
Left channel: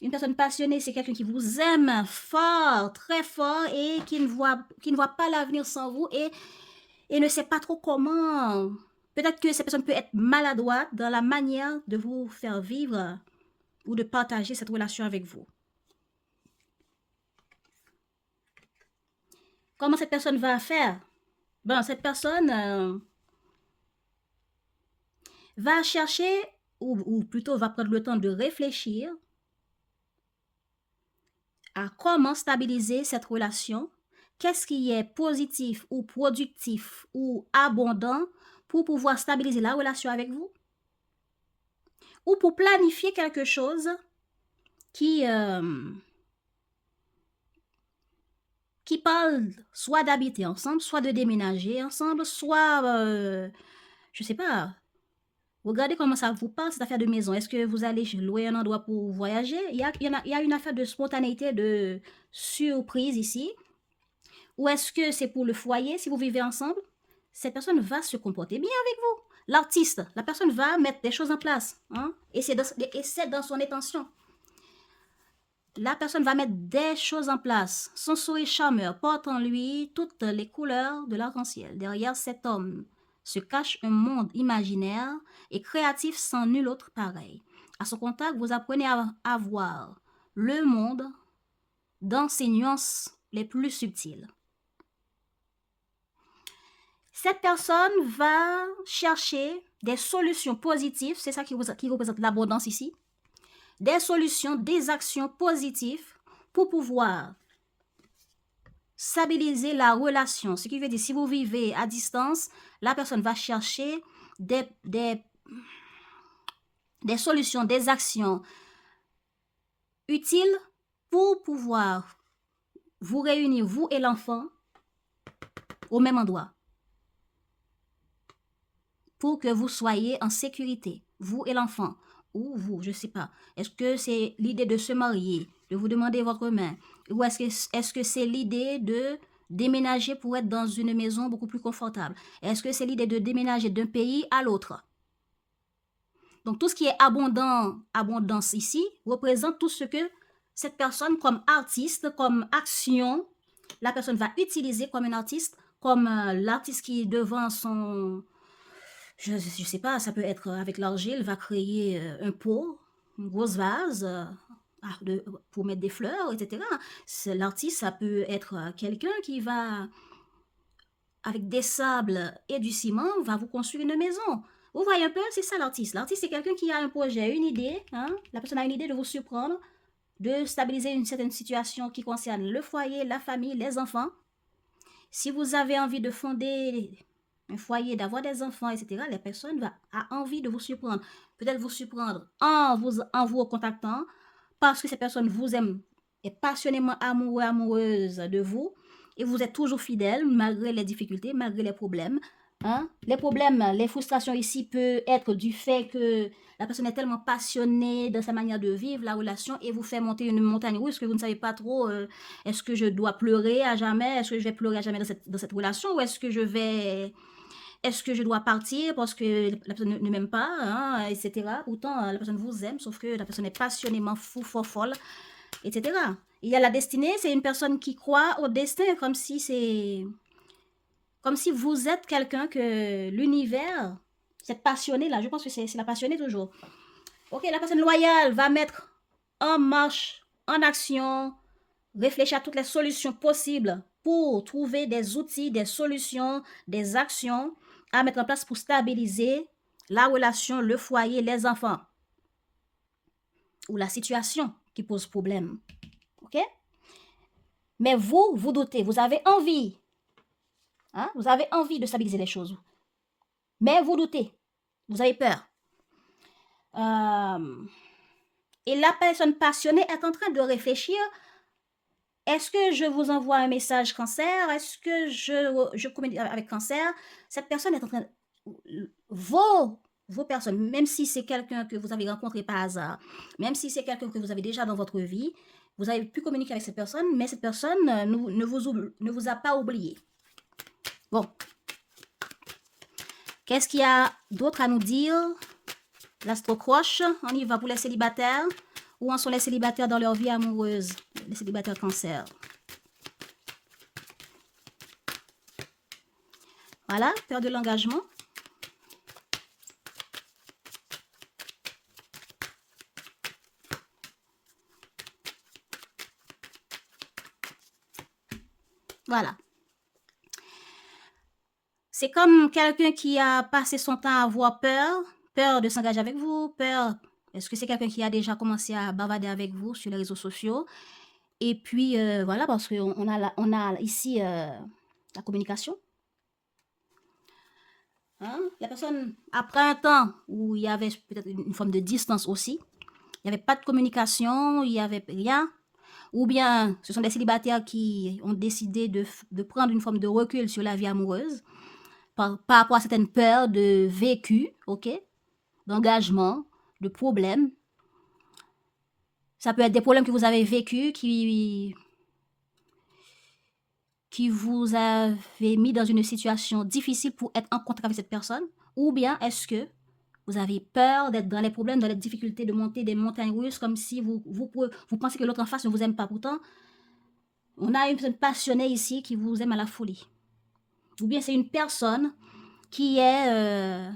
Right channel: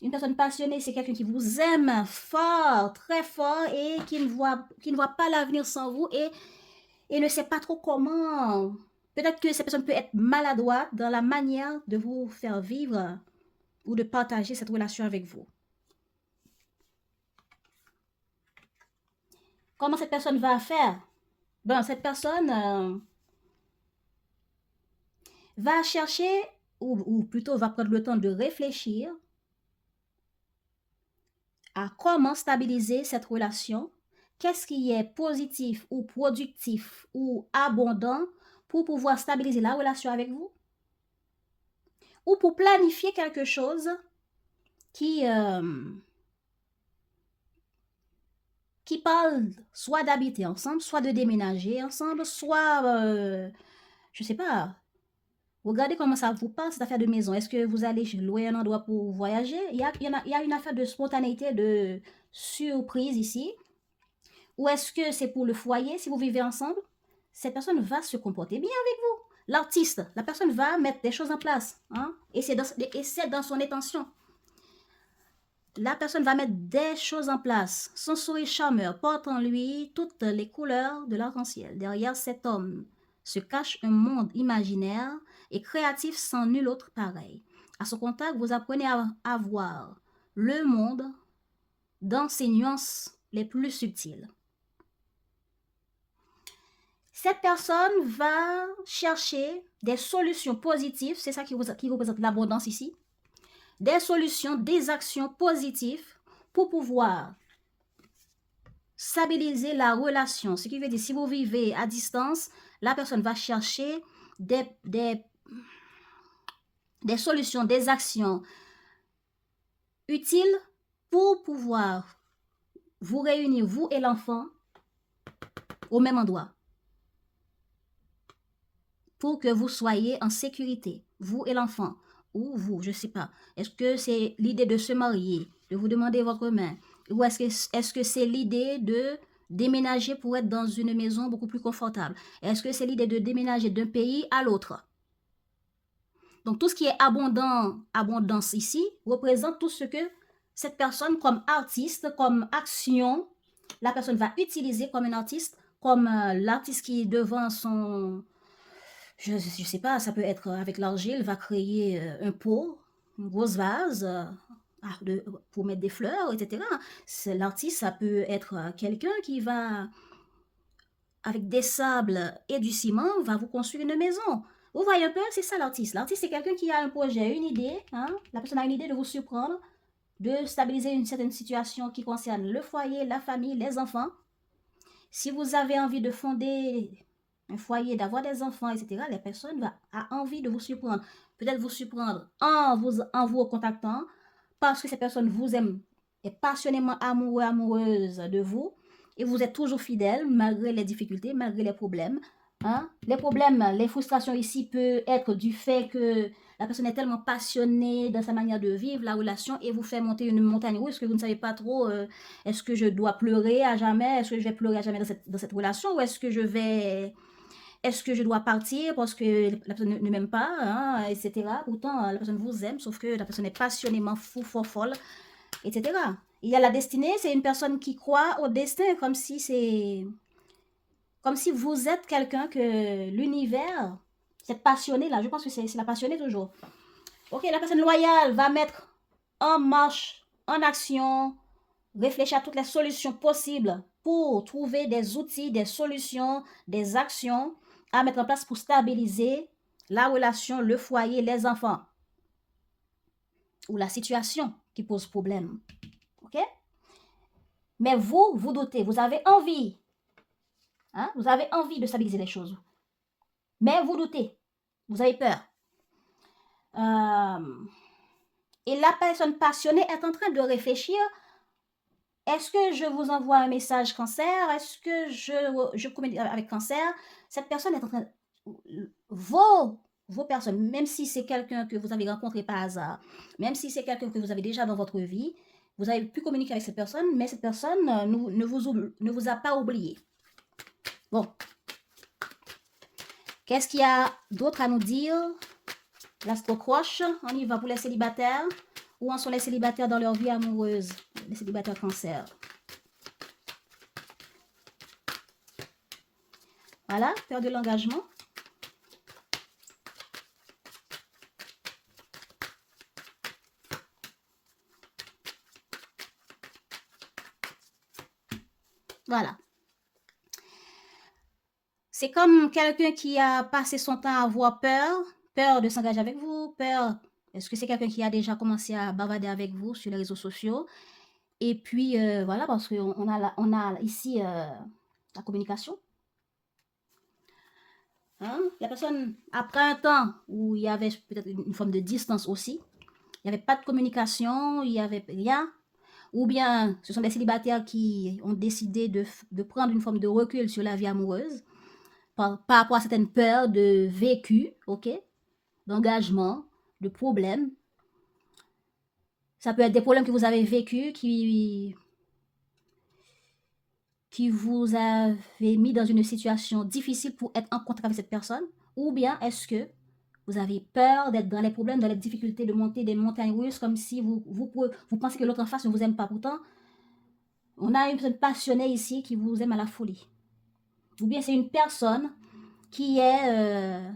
Une personne passionnée, c'est quelqu'un qui vous aime fort, très fort, et qui ne voit pas l'avenir sans vous, et ne sait pas trop comment. Peut-être que cette personne peut être maladroite dans la manière de vous faire vivre ou de partager cette relation avec vous. Comment cette personne va faire? Ben, cette personne va chercher, ou plutôt va prendre le temps de réfléchir à comment stabiliser cette relation, qu'est-ce qui est positif ou productif ou abondant pour pouvoir stabiliser la relation avec vous, ou pour planifier quelque chose qui parle soit d'habiter ensemble, soit de déménager ensemble, soit, je sais pas, regardez comment ça vous parle, cette affaire de maison. Est-ce que vous allez louer un endroit pour voyager? Il y a une affaire de spontanéité, de surprise ici. Ou est-ce que c'est pour le foyer, si vous vivez ensemble? Cette personne va se comporter bien avec vous. L'artiste, la personne va mettre des choses en place. Hein? Et c'est dans son intention. La personne va mettre des choses en place. Son sourire charmeur porte en lui toutes les couleurs de l'arc-en-ciel. Derrière cet homme se cache un monde imaginaire et créatif sans nul autre pareil. À son contact, vous apprenez à voir le monde dans ses nuances les plus subtiles. Cette personne va chercher des solutions positives, c'est ça qui représente l'abondance ici, des solutions, des actions positives pour pouvoir stabiliser la relation. Ce qui veut dire, si vous vivez à distance, la personne va chercher des solutions, des actions utile pour pouvoir vous réunir, vous et l'enfant, au même endroit. Pour que vous soyez en sécurité, vous et l'enfant, ou vous, je ne sais pas. Est-ce que c'est l'idée de se marier, de vous demander votre main, ou est-ce que c'est l'idée de déménager pour être dans une maison beaucoup plus confortable? Est-ce que c'est l'idée de déménager d'un pays à l'autre? Donc, tout ce qui est abondance ici, représente tout ce que cette personne, comme artiste, comme action, la personne va utiliser comme un artiste, comme l'artiste qui est devant son... Je ne sais pas, ça peut être avec l'argile, va créer un pot, une grosse vase pour mettre des fleurs, etc. L'artiste, ça peut être quelqu'un qui va, avec des sables et du ciment, va vous construire une maison. Vous voyez un peu, c'est ça l'artiste. L'artiste, c'est quelqu'un qui a un projet, une idée. Hein? La personne a une idée de vous surprendre, de stabiliser une certaine situation qui concerne le foyer, la famille, les enfants. Si vous avez envie de fonder un foyer, d'avoir des enfants, etc., la personne a envie de vous surprendre. Peut-être vous surprendre en vous contactant parce que cette personne vous aime, est passionnément amoureux, amoureuse de vous et vous êtes toujours fidèle malgré les difficultés, malgré les problèmes. Hein? Les problèmes, les frustrations ici peuvent être du fait que la personne est tellement passionnée dans sa manière de vivre la relation et vous fait monter une montagne russe que vous ne savez pas trop est-ce que je dois pleurer à jamais, est-ce que je vais pleurer à jamais dans cette relation ou est-ce que je dois partir parce que la personne ne m'aime pas, hein, etc. Pourtant, la personne vous aime, sauf que la personne est passionnément fou, folle, etc. Il y a la destinée, c'est une personne qui croit au destin comme si vous êtes quelqu'un que l'univers, cette passionnée-là, je pense que c'est la passionnée toujours. Ok, la personne loyale va mettre en marche, en action, réfléchir à toutes les solutions possibles pour trouver des outils, des solutions, des actions à mettre en place pour stabiliser la relation, le foyer, les enfants ou la situation qui pose problème. Ok? Mais vous doutez, vous avez envie. Hein? Vous avez envie de stabiliser les choses. Mais vous doutez. Vous avez peur. Et la personne passionnée est en train de réfléchir. Est-ce que je vous envoie un message cancer? Est-ce que je communique avec cancer? Cette personne est en train de... Vos personnes, même si c'est quelqu'un que vous avez rencontré par hasard, même si c'est quelqu'un que vous avez déjà dans votre vie, vous avez pu communiquer avec cette personne, mais cette personne ne vous a pas oublié. Bon. Qu'est-ce qu'il y a d'autre à nous dire? L'astro-croche, on y va pour les célibataires. Où en sont les célibataires dans leur vie amoureuse? Les célibataires cancer. Voilà, peur de l'engagement. Voilà. C'est comme quelqu'un qui a passé son temps à avoir peur de s'engager avec vous, peur. Est-ce que c'est quelqu'un qui a déjà commencé à bavarder avec vous sur les réseaux sociaux? Et puis, voilà, parce qu'on a ici la communication. Hein? La personne, après un temps où il y avait peut-être une forme de distance aussi, il n'y avait pas de communication, il n'y avait rien, ou bien ce sont des célibataires qui ont décidé de prendre une forme de recul sur la vie amoureuse par rapport à certaines peurs de vécu, ok, d'engagement, de problèmes. Ça peut être des problèmes que vous avez vécus qui vous avez mis dans une situation difficile pour être en contact avec cette personne, ou bien est-ce que vous avez peur d'être dans les problèmes, dans les difficultés, de monter des montagnes russes comme si vous pensez que l'autre en face ne vous aime pas. Pourtant, on a une personne passionnée ici qui vous aime à la folie. Ou bien c'est une personne qui est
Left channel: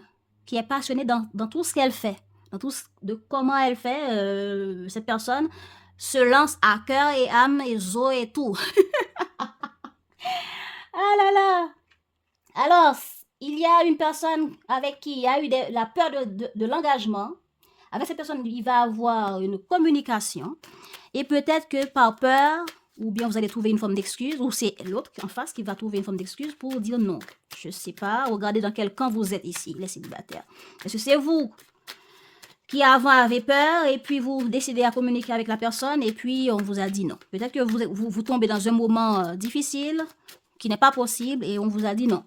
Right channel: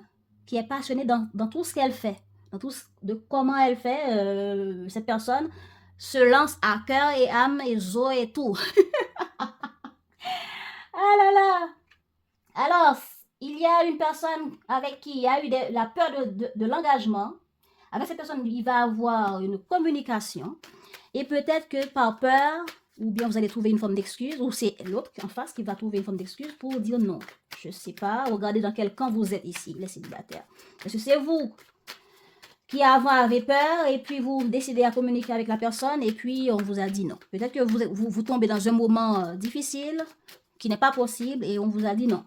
passionnée dans tout ce qu'elle fait, dans tout de comment elle fait. Cette personne se lance à cœur et âme et zo et tout. Ah là là! Alors, il y a une personne avec qui il y a eu la peur de l'engagement. Avec cette personne, il va avoir une communication. Et peut-être que par peur, ou bien vous allez trouver une forme d'excuse, ou c'est l'autre en face qui va trouver une forme d'excuse pour dire non. Je ne sais pas, regardez dans quel camp vous êtes ici, les célibataires. Est-ce que c'est vous qui avant avait peur et puis vous décidez à communiquer avec la personne et puis on vous a dit non. Peut-être que vous tombez dans un moment difficile qui n'est pas possible et on vous a dit non.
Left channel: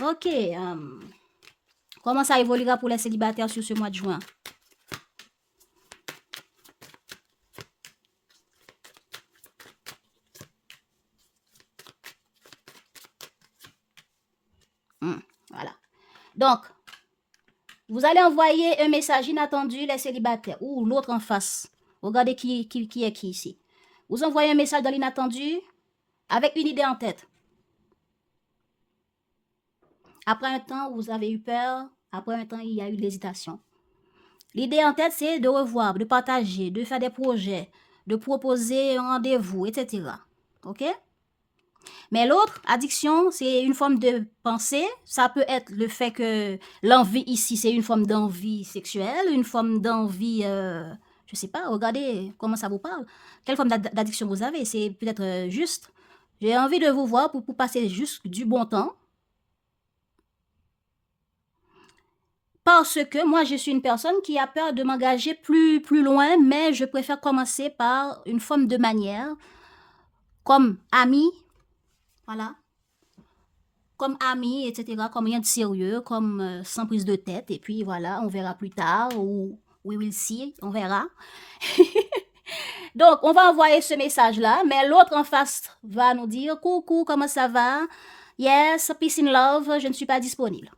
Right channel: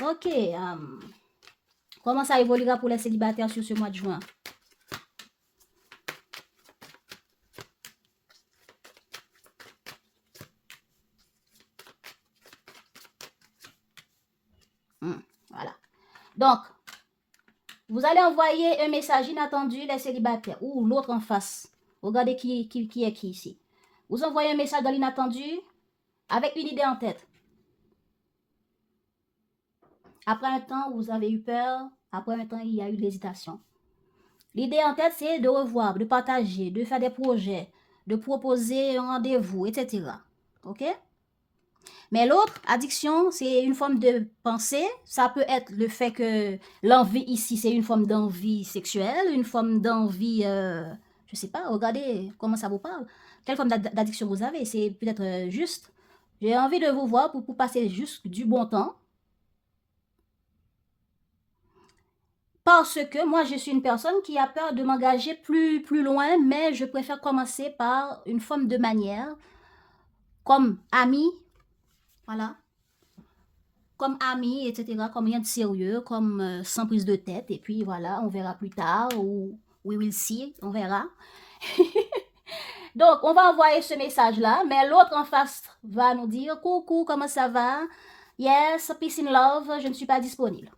Ok. Comment ça évoluera pour les célibataires sur ce mois de juin? Voilà. Donc, vous allez envoyer un message inattendu, les célibataires, ou l'autre en face. Regardez qui est qui ici. Vous envoyez un message dans l'inattendu avec une idée en tête. Après un temps, vous avez eu peur. Après un temps, il y a eu de l'hésitation. L'idée en tête, c'est de revoir, de partager, de faire des projets, de proposer un rendez-vous, etc. OK? Mais l'autre, addiction, c'est une forme de pensée. Ça peut être le fait que l'envie ici, c'est une forme d'envie sexuelle, une forme d'envie, je sais pas, regardez comment ça vous parle. Quelle forme d'addiction vous avez? C'est peut-être juste, j'ai envie de vous voir pour passer juste du bon temps. Parce que moi, je suis une personne qui a peur de m'engager plus loin, mais je préfère commencer par une forme de manière, comme ami, voilà, comme ami, etc., comme rien de sérieux, comme sans prise de tête, et puis voilà, on verra plus tard, ou we will see, on verra. Donc, on va envoyer ce message-là, mais l'autre en face va nous dire, coucou, comment ça va? Yes, peace and love, je ne suis pas disponible.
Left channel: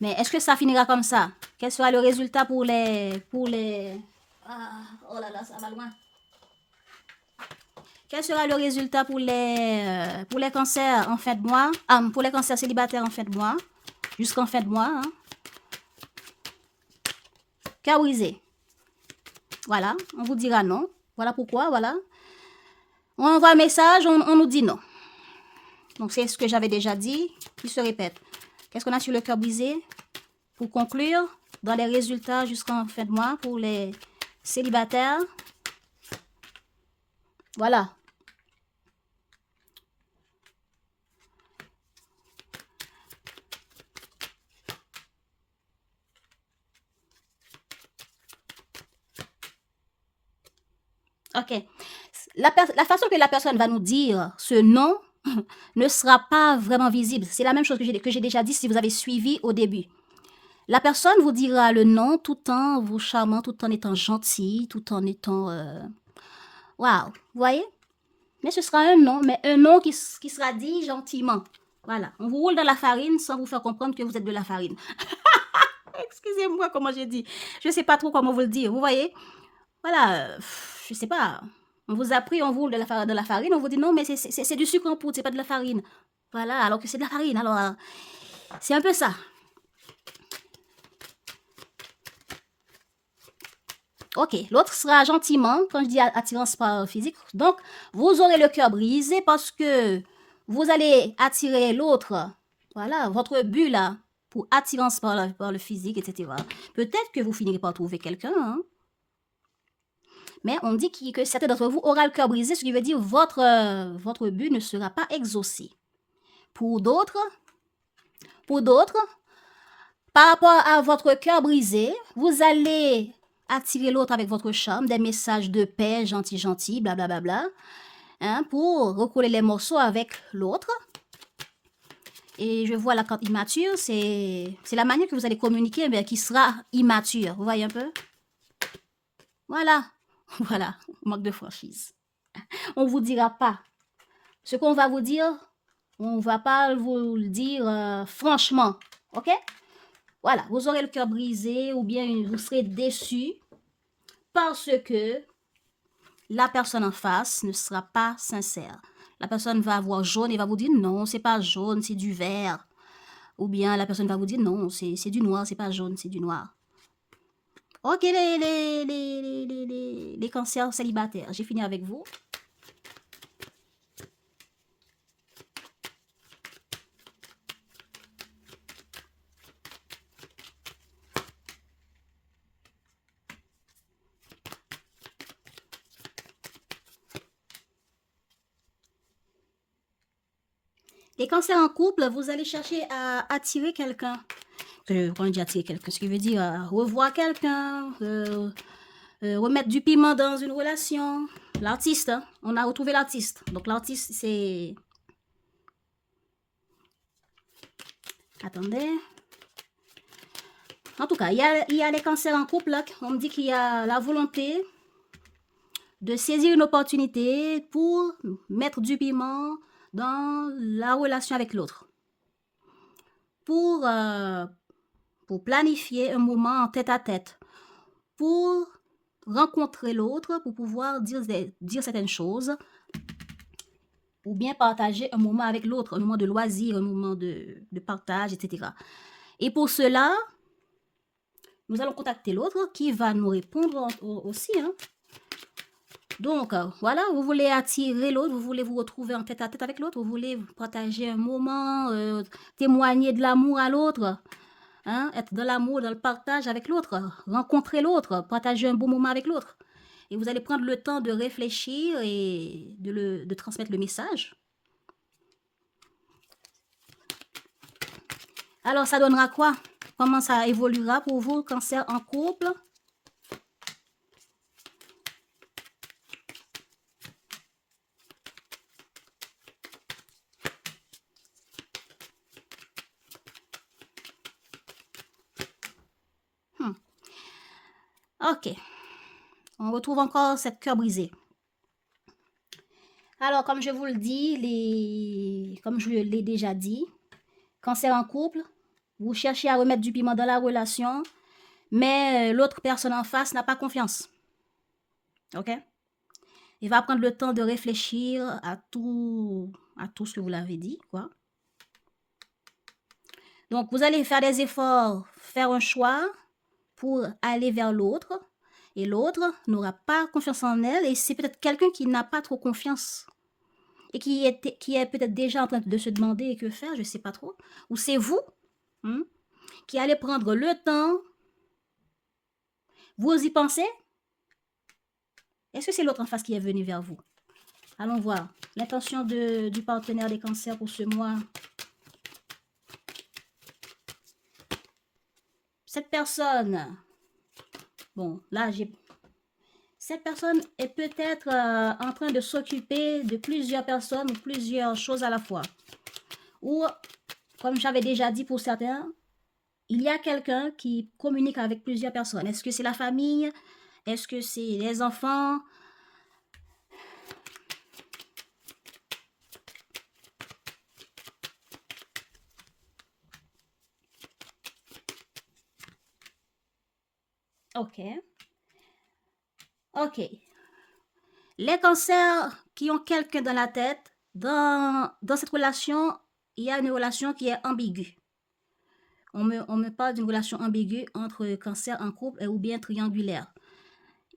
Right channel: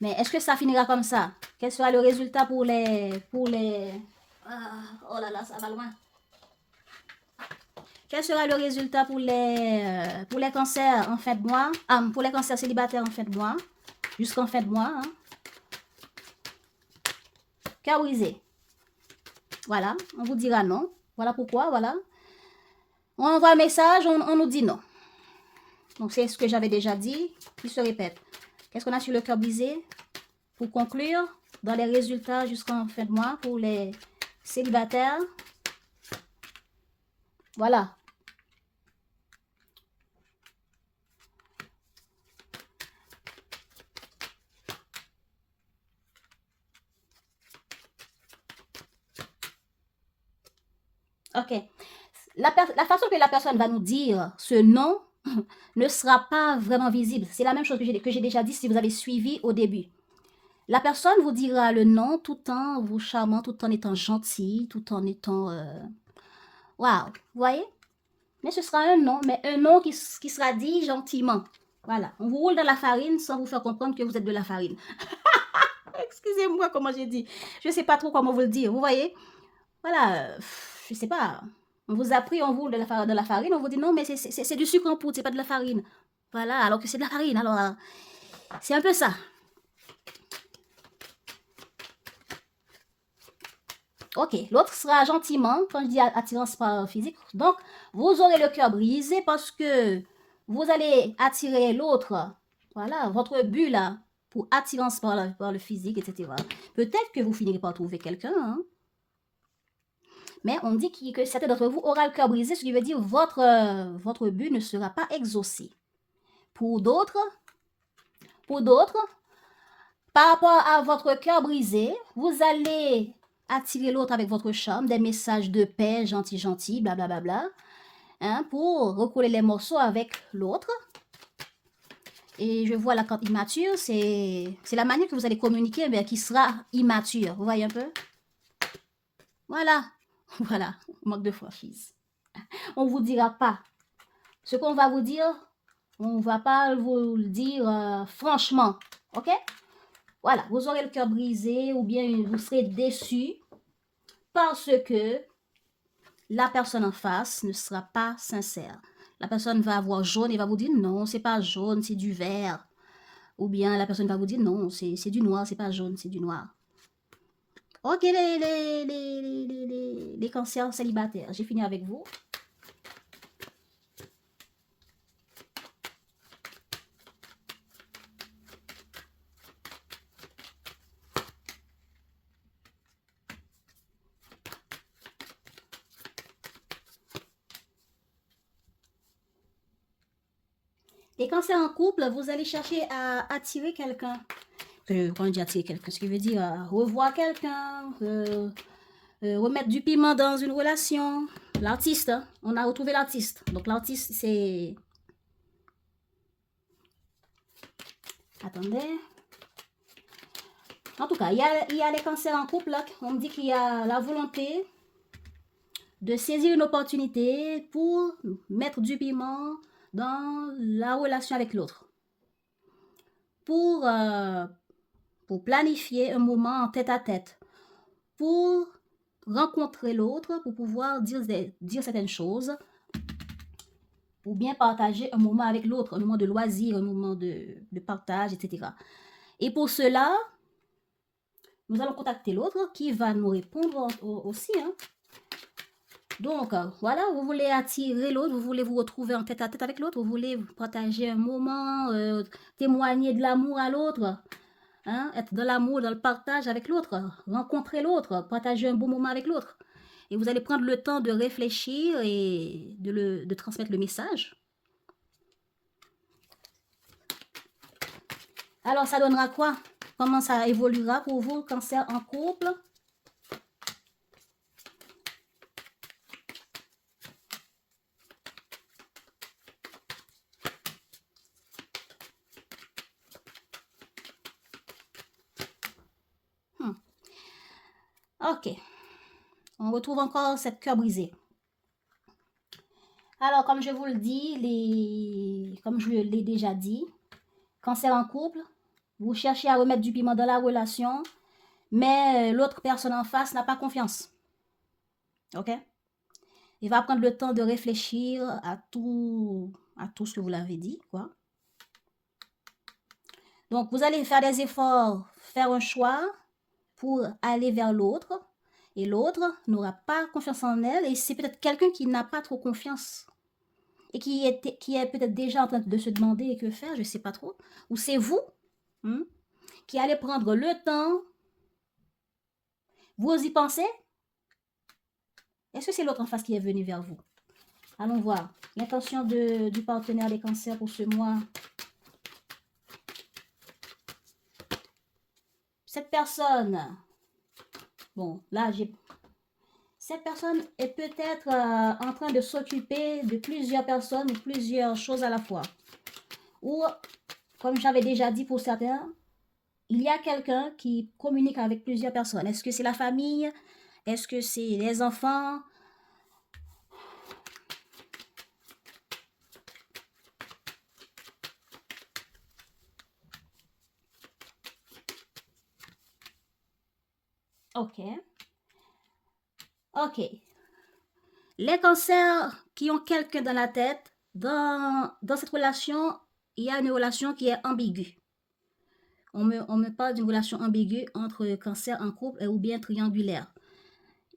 Mais est-ce que ça finira comme ça? Quel sera le résultat pour les... Ah, oh là là, ça va loin. Quel sera le résultat pour les cancers en fin de mois? Pour les cancers célibataires en fin de mois. Jusqu'en fin de mois. Hein. Cœur brisé. Voilà, on vous dira non. Voilà pourquoi, voilà. On envoie un message, on nous dit non. Donc c'est ce que j'avais déjà dit, qui se répète. Qu'est-ce qu'on a sur le cœur brisé? Pour conclure, dans les résultats jusqu'en fin de mois pour les célibataires. Voilà. Ok. La façon que la personne va nous dire ce non ne sera pas vraiment visible. C'est la même chose que j'ai déjà dit si vous avez suivi au début. La personne vous dira le non tout en vous charmant, tout en étant gentil, tout en étant... Waouh, vous voyez? Mais ce sera un non, mais un non qui sera dit gentiment. Voilà, on vous roule dans la farine sans vous faire comprendre que vous êtes de la farine. Excusez-moi comment j'ai dit. Je ne sais pas trop comment vous le dire, vous voyez? Voilà, je ne sais pas. On vous a pris, on vous roule de la farine, on vous dit non, mais c'est du sucre en poudre, c'est pas de la farine. Voilà, alors que c'est de la farine. Alors, c'est un peu ça. Ok, l'autre sera gentiment, quand je dis attirance par physique. Donc, vous aurez le cœur brisé parce que vous allez attirer l'autre. Voilà, votre but là, pour attirance par le physique, etc. Peut-être que vous finirez par trouver quelqu'un. Hein? Mais on dit que certains d'entre vous auront le cœur brisé, ce qui veut dire votre but ne sera pas exaucé. Pour d'autres, par rapport à votre cœur brisé, vous allez attirer l'autre avec votre charme, des messages de paix, gentil, blablabla, hein, pour recoller les morceaux avec l'autre. Et je vois la carte immature, c'est la manière que vous allez communiquer, mais qui sera immature. Vous voyez un peu? Voilà, voilà, manque de franchise. On ne vous dira pas. Ce qu'on va vous dire, on ne va pas vous le dire franchement, ok? Voilà, vous aurez le cœur brisé ou bien vous serez déçu parce que la personne en face ne sera pas sincère. La personne va avoir jaune et va vous dire non, c'est pas jaune, c'est du vert. Ou bien la personne va vous dire non, c'est du noir, c'est pas jaune, c'est du noir. Ok, les cancers célibataires, j'ai fini avec vous. Les cancers en couple, vous allez chercher à attirer quelqu'un Quand on dit attirer quelqu'un, ce qui veut dire revoir quelqu'un, remettre du piment dans une relation. L'artiste, hein, on a retrouvé l'artiste. Donc l'artiste, c'est... Attendez. En tout cas, il y a les cancers en couple, là. On me dit qu'il y a la volonté de saisir une opportunité pour mettre du piment dans la relation avec l'autre. Pour planifier un moment en tête-à-tête. Pour rencontrer l'autre, pour pouvoir dire certaines choses. Ou bien partager un moment avec l'autre, un moment de loisir, un moment de partage, etc. Et pour cela, nous allons contacter l'autre qui va nous répondre aussi. Hein. Donc, voilà, vous voulez attirer l'autre, vous voulez vous retrouver en tête-à-tête avec l'autre, vous voulez partager un moment, témoigner de l'amour à l'autre, hein, être dans l'amour, dans le partage avec l'autre, rencontrer l'autre, partager un bon moment avec l'autre. Et vous allez prendre le temps de réfléchir et de transmettre le message. Alors, ça donnera quoi? Comment ça évoluera pour vous, cancer en couple? Ok. On retrouve encore cette cœur brisé. Alors, comme je vous le dis, comme je l'ai déjà dit, cancer en couple, vous cherchez à remettre du piment dans la relation, mais l'autre personne en face n'a pas confiance. Ok? Il va prendre le temps de réfléchir à tout ce que vous l'avez dit, quoi. Donc, vous allez faire des efforts, faire un choix pour aller vers l'autre, et l'autre n'aura pas confiance en elle, et c'est peut-être quelqu'un qui n'a pas trop confiance, et qui est peut-être déjà en train de se demander que faire, je ne sais pas trop, ou c'est vous qui allez prendre le temps, vous y pensez? Est-ce que c'est l'autre en face qui est venu vers vous? Allons voir l'intention du partenaire des cancers pour ce mois. Cette personne, bon, là, cette personne est peut-être en train de s'occuper de plusieurs personnes ou plusieurs choses à la fois. Ou, comme j'avais déjà dit pour certains, il y a quelqu'un qui communique avec plusieurs personnes. Est-ce que c'est la famille? Est-ce que c'est les enfants? Ok. Ok. Les cancers qui ont quelqu'un dans la tête, dans cette relation, il y a une relation qui est ambiguë. On me parle d'une relation ambiguë entre cancer en couple ou bien triangulaire.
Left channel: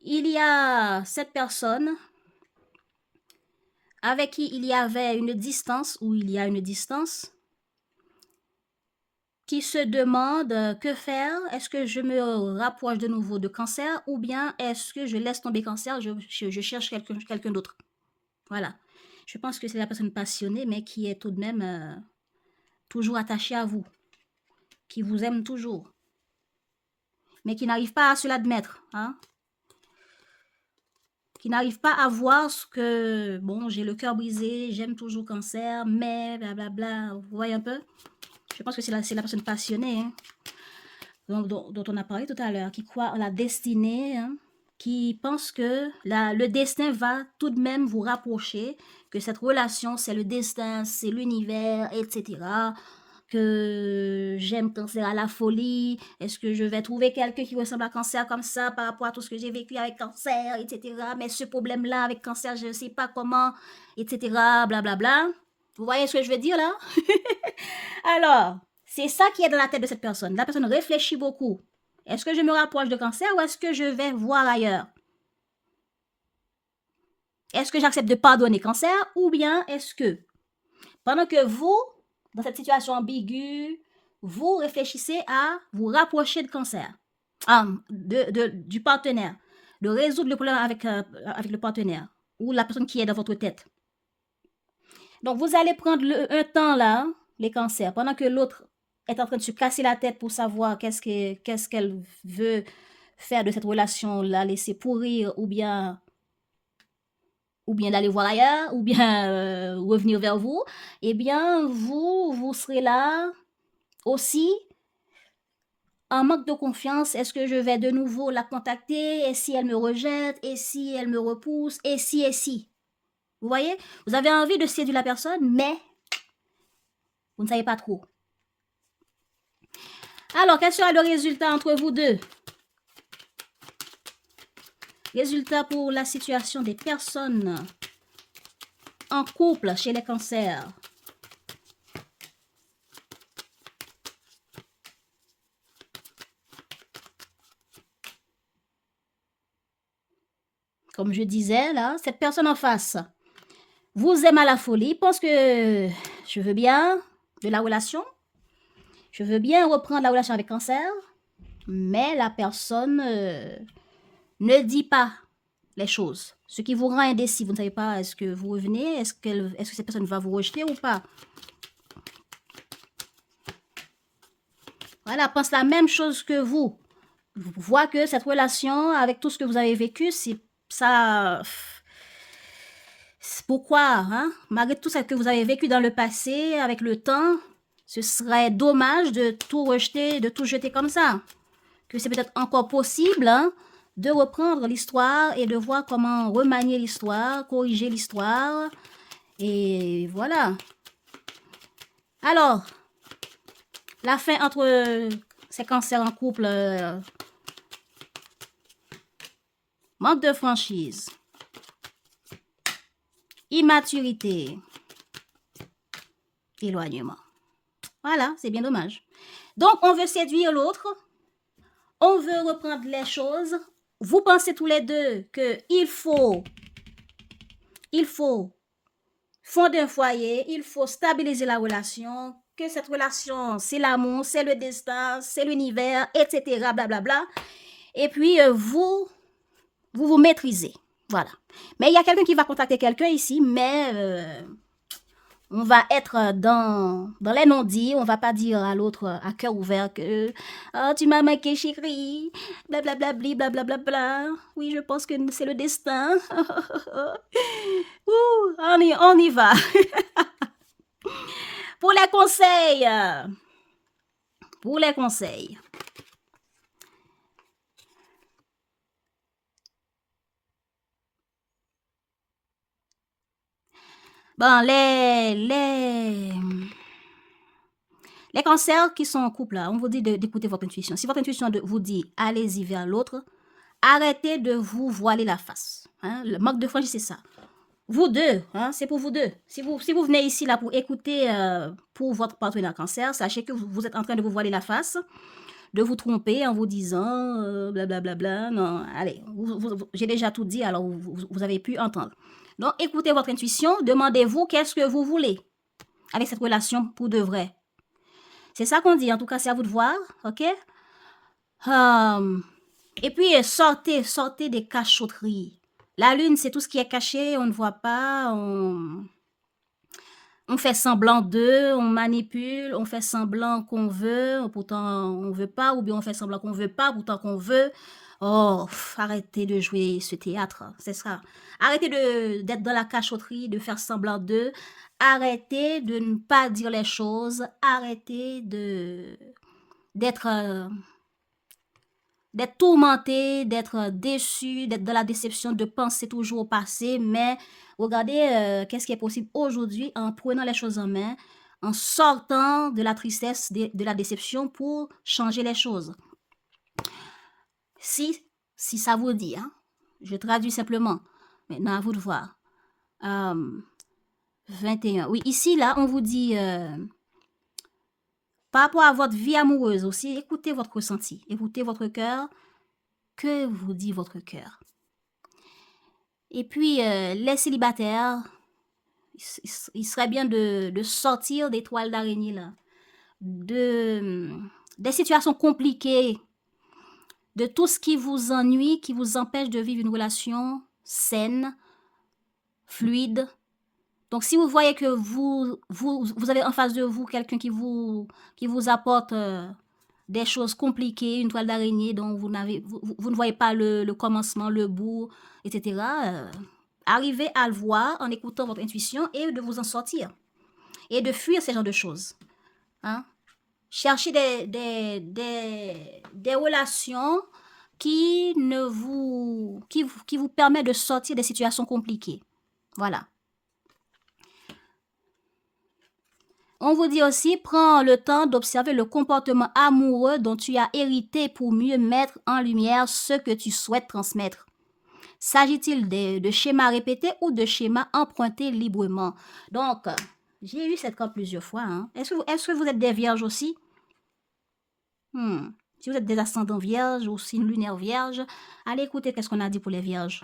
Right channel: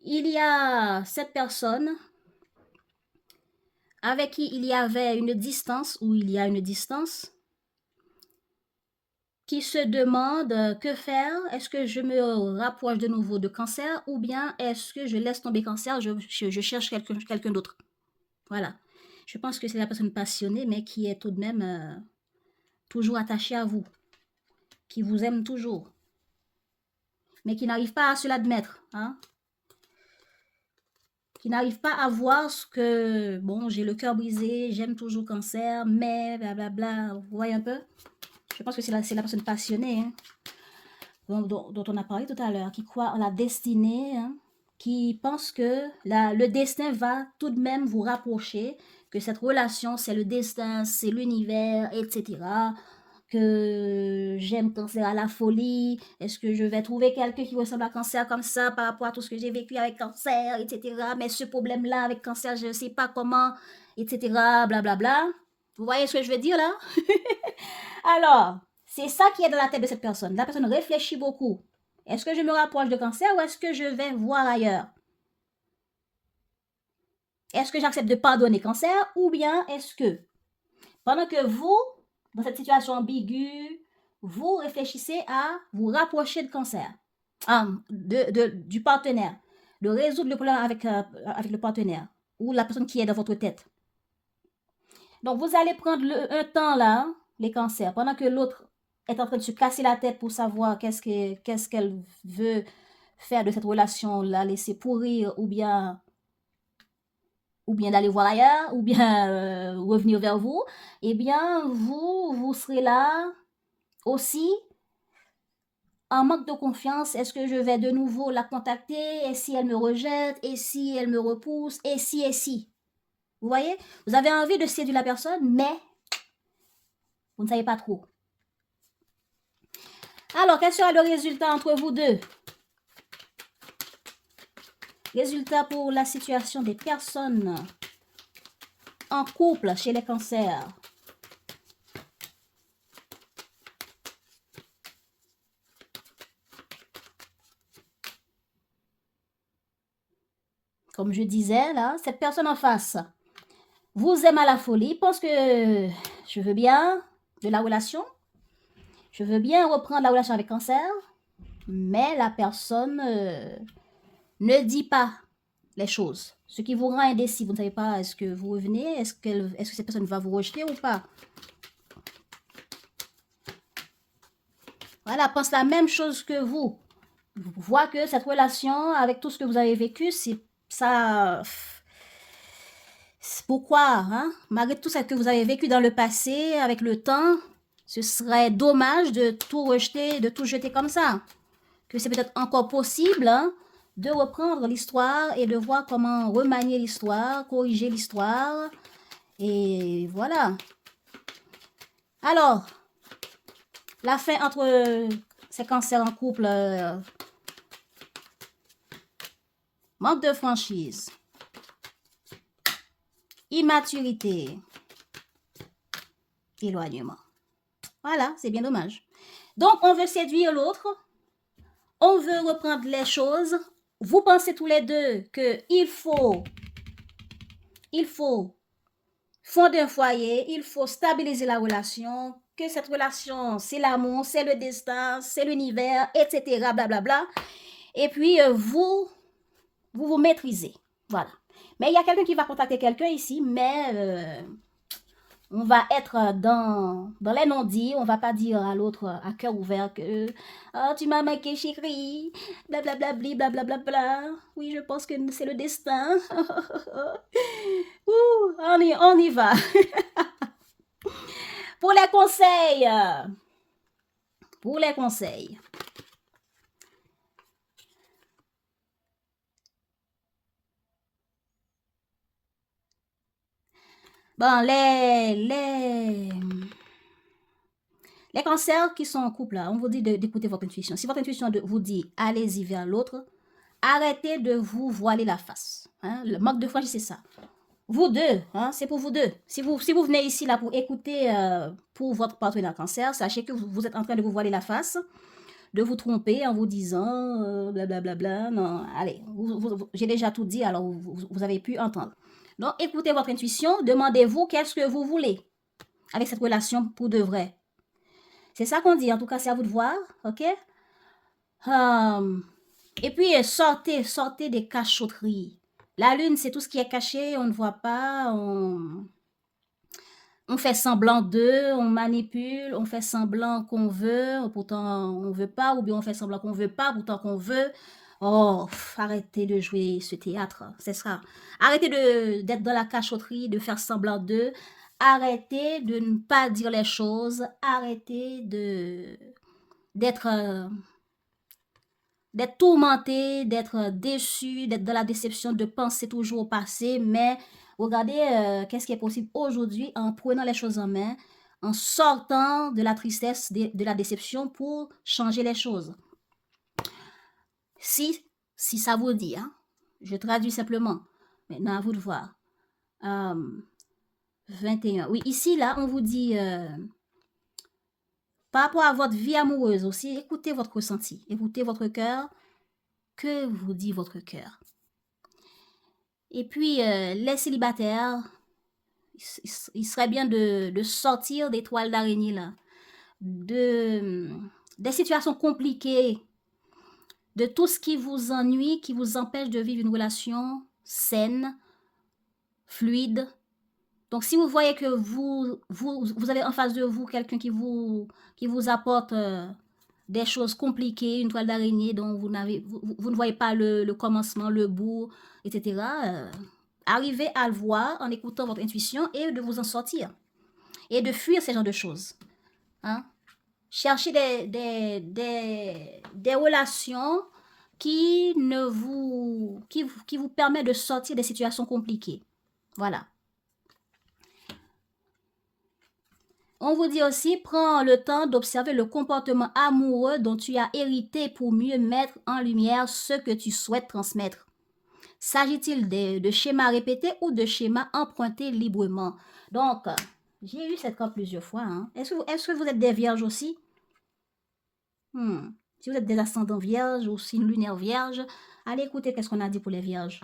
Il y a cette personne avec qui il y avait une distance, ou il y a une distance, qui se demande que faire. Est-ce que je me rapproche de nouveau de cancer ou bien est-ce que je laisse tomber cancer, je cherche quelqu'un d'autre. Voilà. Je pense que c'est la personne passionnée, mais qui est tout de même toujours attachée à vous, qui vous aime toujours, mais qui n'arrive pas à se l'admettre, hein? Qui n'arrive pas à voir ce que, bon, j'ai le cœur brisé, j'aime toujours cancer, mais blablabla, vous voyez un peu? Je pense que c'est la personne passionnée, hein, dont on a parlé tout à l'heure, qui croit en la destinée, hein, qui pense que le destin va tout de même vous rapprocher, que cette relation, c'est le destin, c'est l'univers, etc., que j'aime cancer à la folie, est-ce que je vais trouver quelqu'un qui ressemble à cancer comme ça par rapport à tout ce que j'ai vécu avec cancer, etc., mais ce problème-là avec cancer, je ne sais pas comment, etc., blablabla. Vous voyez ce que je veux dire là? Alors, c'est ça qui est dans la tête de cette personne. La personne réfléchit beaucoup. Est-ce que je me rapproche de cancer ou est-ce que je vais voir ailleurs? Est-ce que j'accepte de pardonner cancer ou bien est-ce que, pendant que vous, dans cette situation ambiguë, vous réfléchissez à vous rapprocher de cancer, du partenaire, de résoudre le problème avec le partenaire ou la personne qui est dans votre tête. Donc, vous allez prendre un temps là, les cancers, pendant que l'autre est en train de se casser la tête pour savoir qu'est-ce qu'elle veut faire de cette relation, la laisser pourrir ou bien d'aller voir ailleurs, ou bien revenir vers vous, eh bien, vous serez là aussi en manque de confiance. Est-ce que je vais de nouveau la contacter? Et si elle me rejette? Et si elle me repousse? Et si? Vous voyez? Vous avez envie de séduire la personne, mais vous ne savez pas trop. Alors, quel sera le résultat entre vous deux? Résultat pour la situation des personnes en couple chez les cancers. Comme je disais, là, cette personne en face vous aime à la folie, pense que je veux bien de la relation, je veux bien reprendre la relation avec cancer, mais la personne ne dit pas les choses. Ce qui vous rend indécis, vous ne savez pas, est-ce que vous revenez, est-ce que cette personne va vous rejeter ou pas. Voilà, pense la même chose que vous. Vous voyez que cette relation, avec tout ce que vous avez vécu, c'est ça. Pourquoi, hein? Malgré tout ce que vous avez vécu dans le passé, avec le temps, ce serait dommage de tout rejeter, de tout jeter comme ça. Que c'est peut-être encore possible, hein, de reprendre l'histoire et de voir comment remanier l'histoire, corriger l'histoire. Et voilà. Alors, la fin entre ces cancers en couple, manque de franchise, immaturité, éloignement. Voilà, c'est bien dommage. Donc, on veut séduire l'autre, on veut reprendre les choses. Vous pensez tous les deux qu'il faut fonder un foyer, il faut stabiliser la relation, que cette relation, c'est l'amour, c'est le destin, c'est l'univers, etc., blablabla. Et puis, vous maîtrisez. Voilà. Mais il y a quelqu'un qui va contacter quelqu'un ici, mais on va être dans les non-dits. On va pas dire à l'autre à cœur ouvert que oh, tu m'as manqué, chérie, blablabla, blablabla. Oui, je pense que c'est le destin. On y va. Pour les conseils. Bon, les cancers qui sont en couple, là, on vous dit d'écouter votre intuition. Si votre intuition vous dit allez-y vers l'autre, arrêtez de vous voiler la face. Hein? Le manque de franchise, c'est ça. Vous deux, hein, c'est pour vous deux. Si vous venez ici là pour écouter pour votre partenaire cancer, sachez que vous êtes en train de vous voiler la face, de vous tromper en vous disant blablabla. Non, allez, j'ai déjà tout dit, alors vous avez pu entendre. Donc, écoutez votre intuition, demandez-vous qu'est-ce que vous voulez avec cette relation pour de vrai. C'est ça qu'on dit, en tout cas, c'est à vous de voir, ok? Et puis, sortez des cachotteries. La lune, c'est tout ce qui est caché, on ne voit pas, on fait semblant d'eux, on manipule, on fait semblant qu'on veut, pourtant on veut pas, ou bien on fait semblant qu'on veut pas, pourtant qu'on veut. Oh, arrêtez de jouer ce théâtre, c'est ça. Arrêtez d'être dans la cachotterie, de faire semblant d'eux. Arrêtez de ne pas dire les choses. Arrêtez d'être tourmenté, d'être déçu, d'être dans la déception, de penser toujours au passé. Mais regardez qu'est-ce qui est possible aujourd'hui en prenant les choses en main, en sortant de la tristesse, de la déception pour changer les choses. Si ça vous dit, hein, je traduis simplement. Maintenant, à vous de voir. 21. Oui, ici, là, on vous dit, par rapport à votre vie amoureuse aussi, écoutez votre ressenti, écoutez votre cœur. Que vous dit votre cœur? Et puis, les célibataires, il serait bien de sortir des toiles d'araignée, là, des situations compliquées, de tout ce qui vous ennuie, qui vous empêche de vivre une relation saine, fluide, Donc, si vous voyez que vous avez en face de vous quelqu'un qui vous apporte des choses compliquées, une toile d'araignée dont vous ne voyez pas le commencement, le bout, etc., arrivez à le voir en écoutant votre intuition et de vous en sortir et de fuir ce genre de choses. Hein? Cherchez des relations qui vous permettent de sortir des situations compliquées. Voilà. On vous dit aussi, prends le temps d'observer le comportement amoureux dont tu as hérité pour mieux mettre en lumière ce que tu souhaites transmettre. S'agit-il de schémas répétés ou de schémas empruntés librement? Donc, j'ai eu cette carte plusieurs fois. Hein. Est-ce que vous êtes des vierges aussi? Si vous êtes des ascendants vierges ou signes lunaires vierges, allez écouter qu'est-ce qu'on a dit pour les vierges.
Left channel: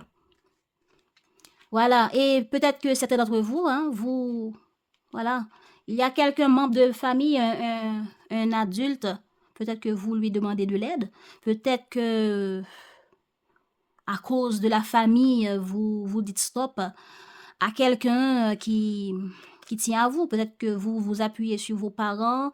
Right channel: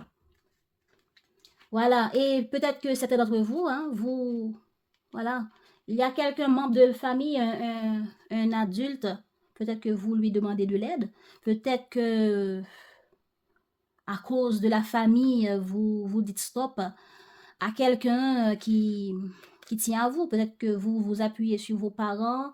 Voilà, et peut-être que certains d'entre vous, hein, voilà, il y a quelqu'un membre de famille, un adulte, peut-être que vous lui demandez de l'aide, peut-être que à cause de la famille, vous dites stop à quelqu'un qui tient à vous, peut-être que vous vous appuyez sur vos parents,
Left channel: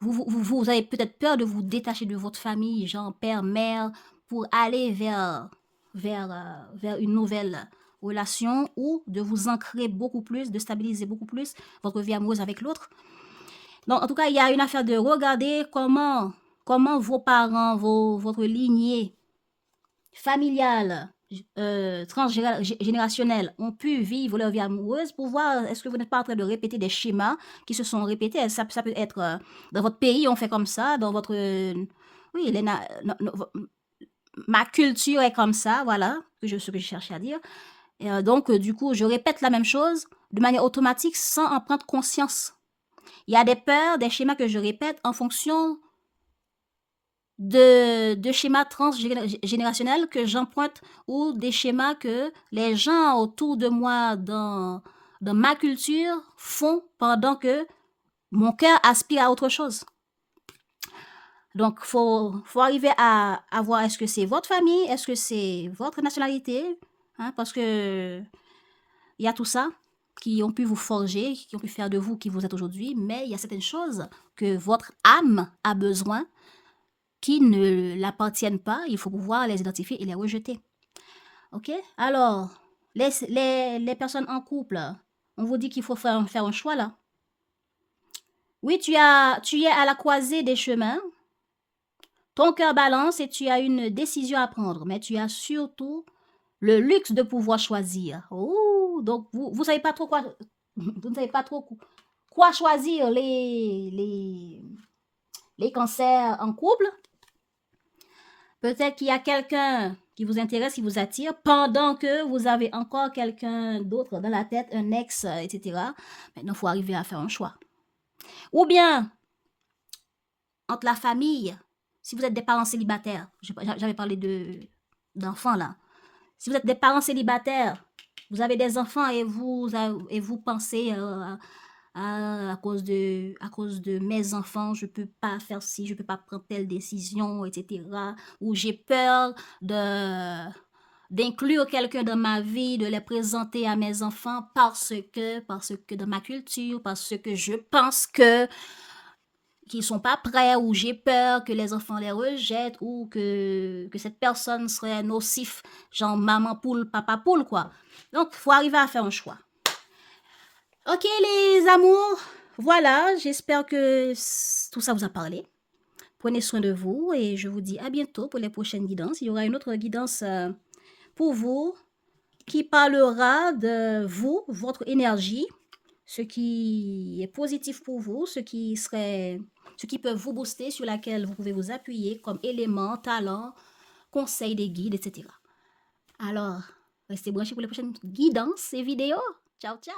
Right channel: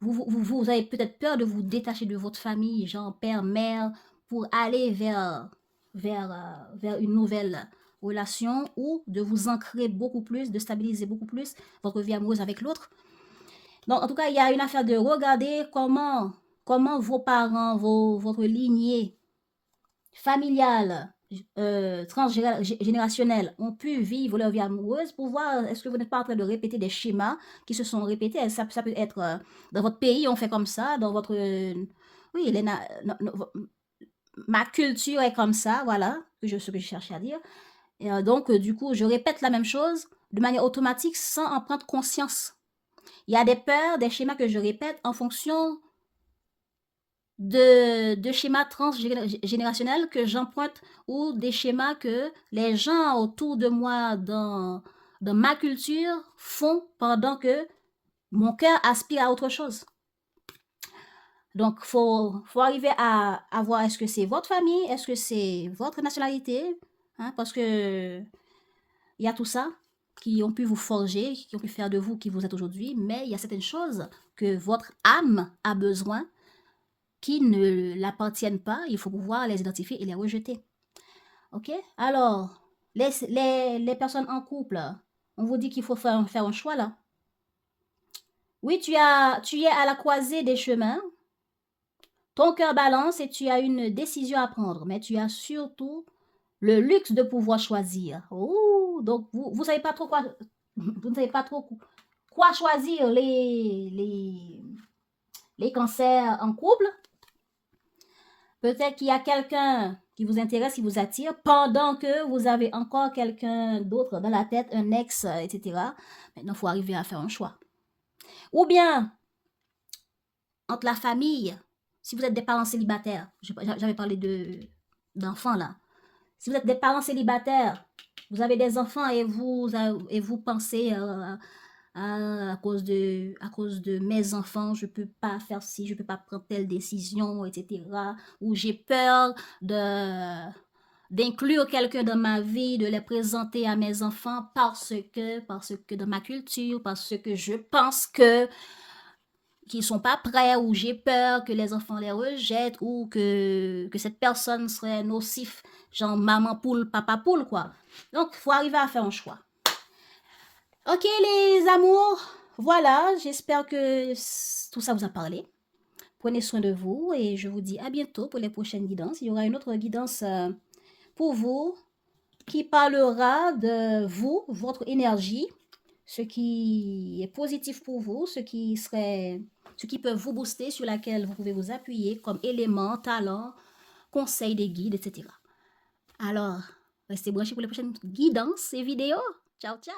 vous avez peut-être peur de vous détacher de votre famille, genre père, mère, pour aller vers une nouvelle relation ou de vous ancrer beaucoup plus, de stabiliser beaucoup plus votre vie amoureuse avec l'autre. Donc, en tout cas, il y a une affaire de regarder comment vos parents, votre lignée familiale, transgénérationnelle ont pu vivre leur vie amoureuse pour voir est-ce que vous n'êtes pas en train de répéter des schémas qui se sont répétés. Ça peut être dans votre pays, on fait comme ça, dans votre... oui, ma culture est comme ça, voilà, ce que je cherchais à dire. Et donc, du coup, je répète la même chose de manière automatique sans en prendre conscience. Il y a des peurs, des schémas que je répète en fonction de schémas transgénérationnels que j'emprunte ou des schémas que les gens autour de moi dans ma culture font pendant que mon cœur aspire à autre chose. Donc, faut arriver à voir est-ce que c'est votre famille, est-ce que c'est votre nationalité, hein, parce que il y a tout ça qui ont pu vous forger, qui ont pu faire de vous qui vous êtes aujourd'hui, mais il y a certaines choses que votre âme a besoin qui ne l'appartiennent pas, il faut pouvoir les identifier et les rejeter. Ok? Alors, les personnes en couple, on vous dit qu'il faut faire un choix là. Oui, tu es à la croisée des chemins. Ton cœur balance et tu as une décision à prendre, mais tu as surtout le luxe de pouvoir choisir. Oh, donc vous savez pas trop quoi, vous ne savez pas trop quoi choisir les cancers en couple. Peut-être qu'il y a quelqu'un qui vous intéresse, qui vous attire, pendant que vous avez encore quelqu'un d'autre dans la tête, un ex, etc. Maintenant, il faut arriver à faire un choix. Ou bien, entre la famille, si vous êtes des parents célibataires, j'avais parlé d'enfants là. Si vous êtes des parents célibataires, vous avez des enfants et vous pensez à cause de mes enfants, je peux pas faire ci, je peux pas prendre telle décision, etc. Ou j'ai peur d'inclure quelqu'un dans ma vie, de les présenter à mes enfants parce que dans ma culture, parce que je pense que qu'ils sont pas prêts, ou j'ai peur que les enfants les rejettent, ou que cette personne serait nocif, genre maman poule, papa poule, quoi. Donc, il faut arriver à faire un choix. Ok, les amours, voilà, j'espère que tout ça vous a parlé. Prenez soin de vous et je vous dis à bientôt pour les prochaines guidances. Il y aura une autre guidance pour vous qui parlera de vous, votre énergie, ce qui est positif pour vous, ce qui peut vous booster, sur laquelle vous pouvez vous appuyer comme élément, talent, conseil des guides, etc. Alors, restez branchés pour les prochaines guidances et vidéos. Ciao, ciao!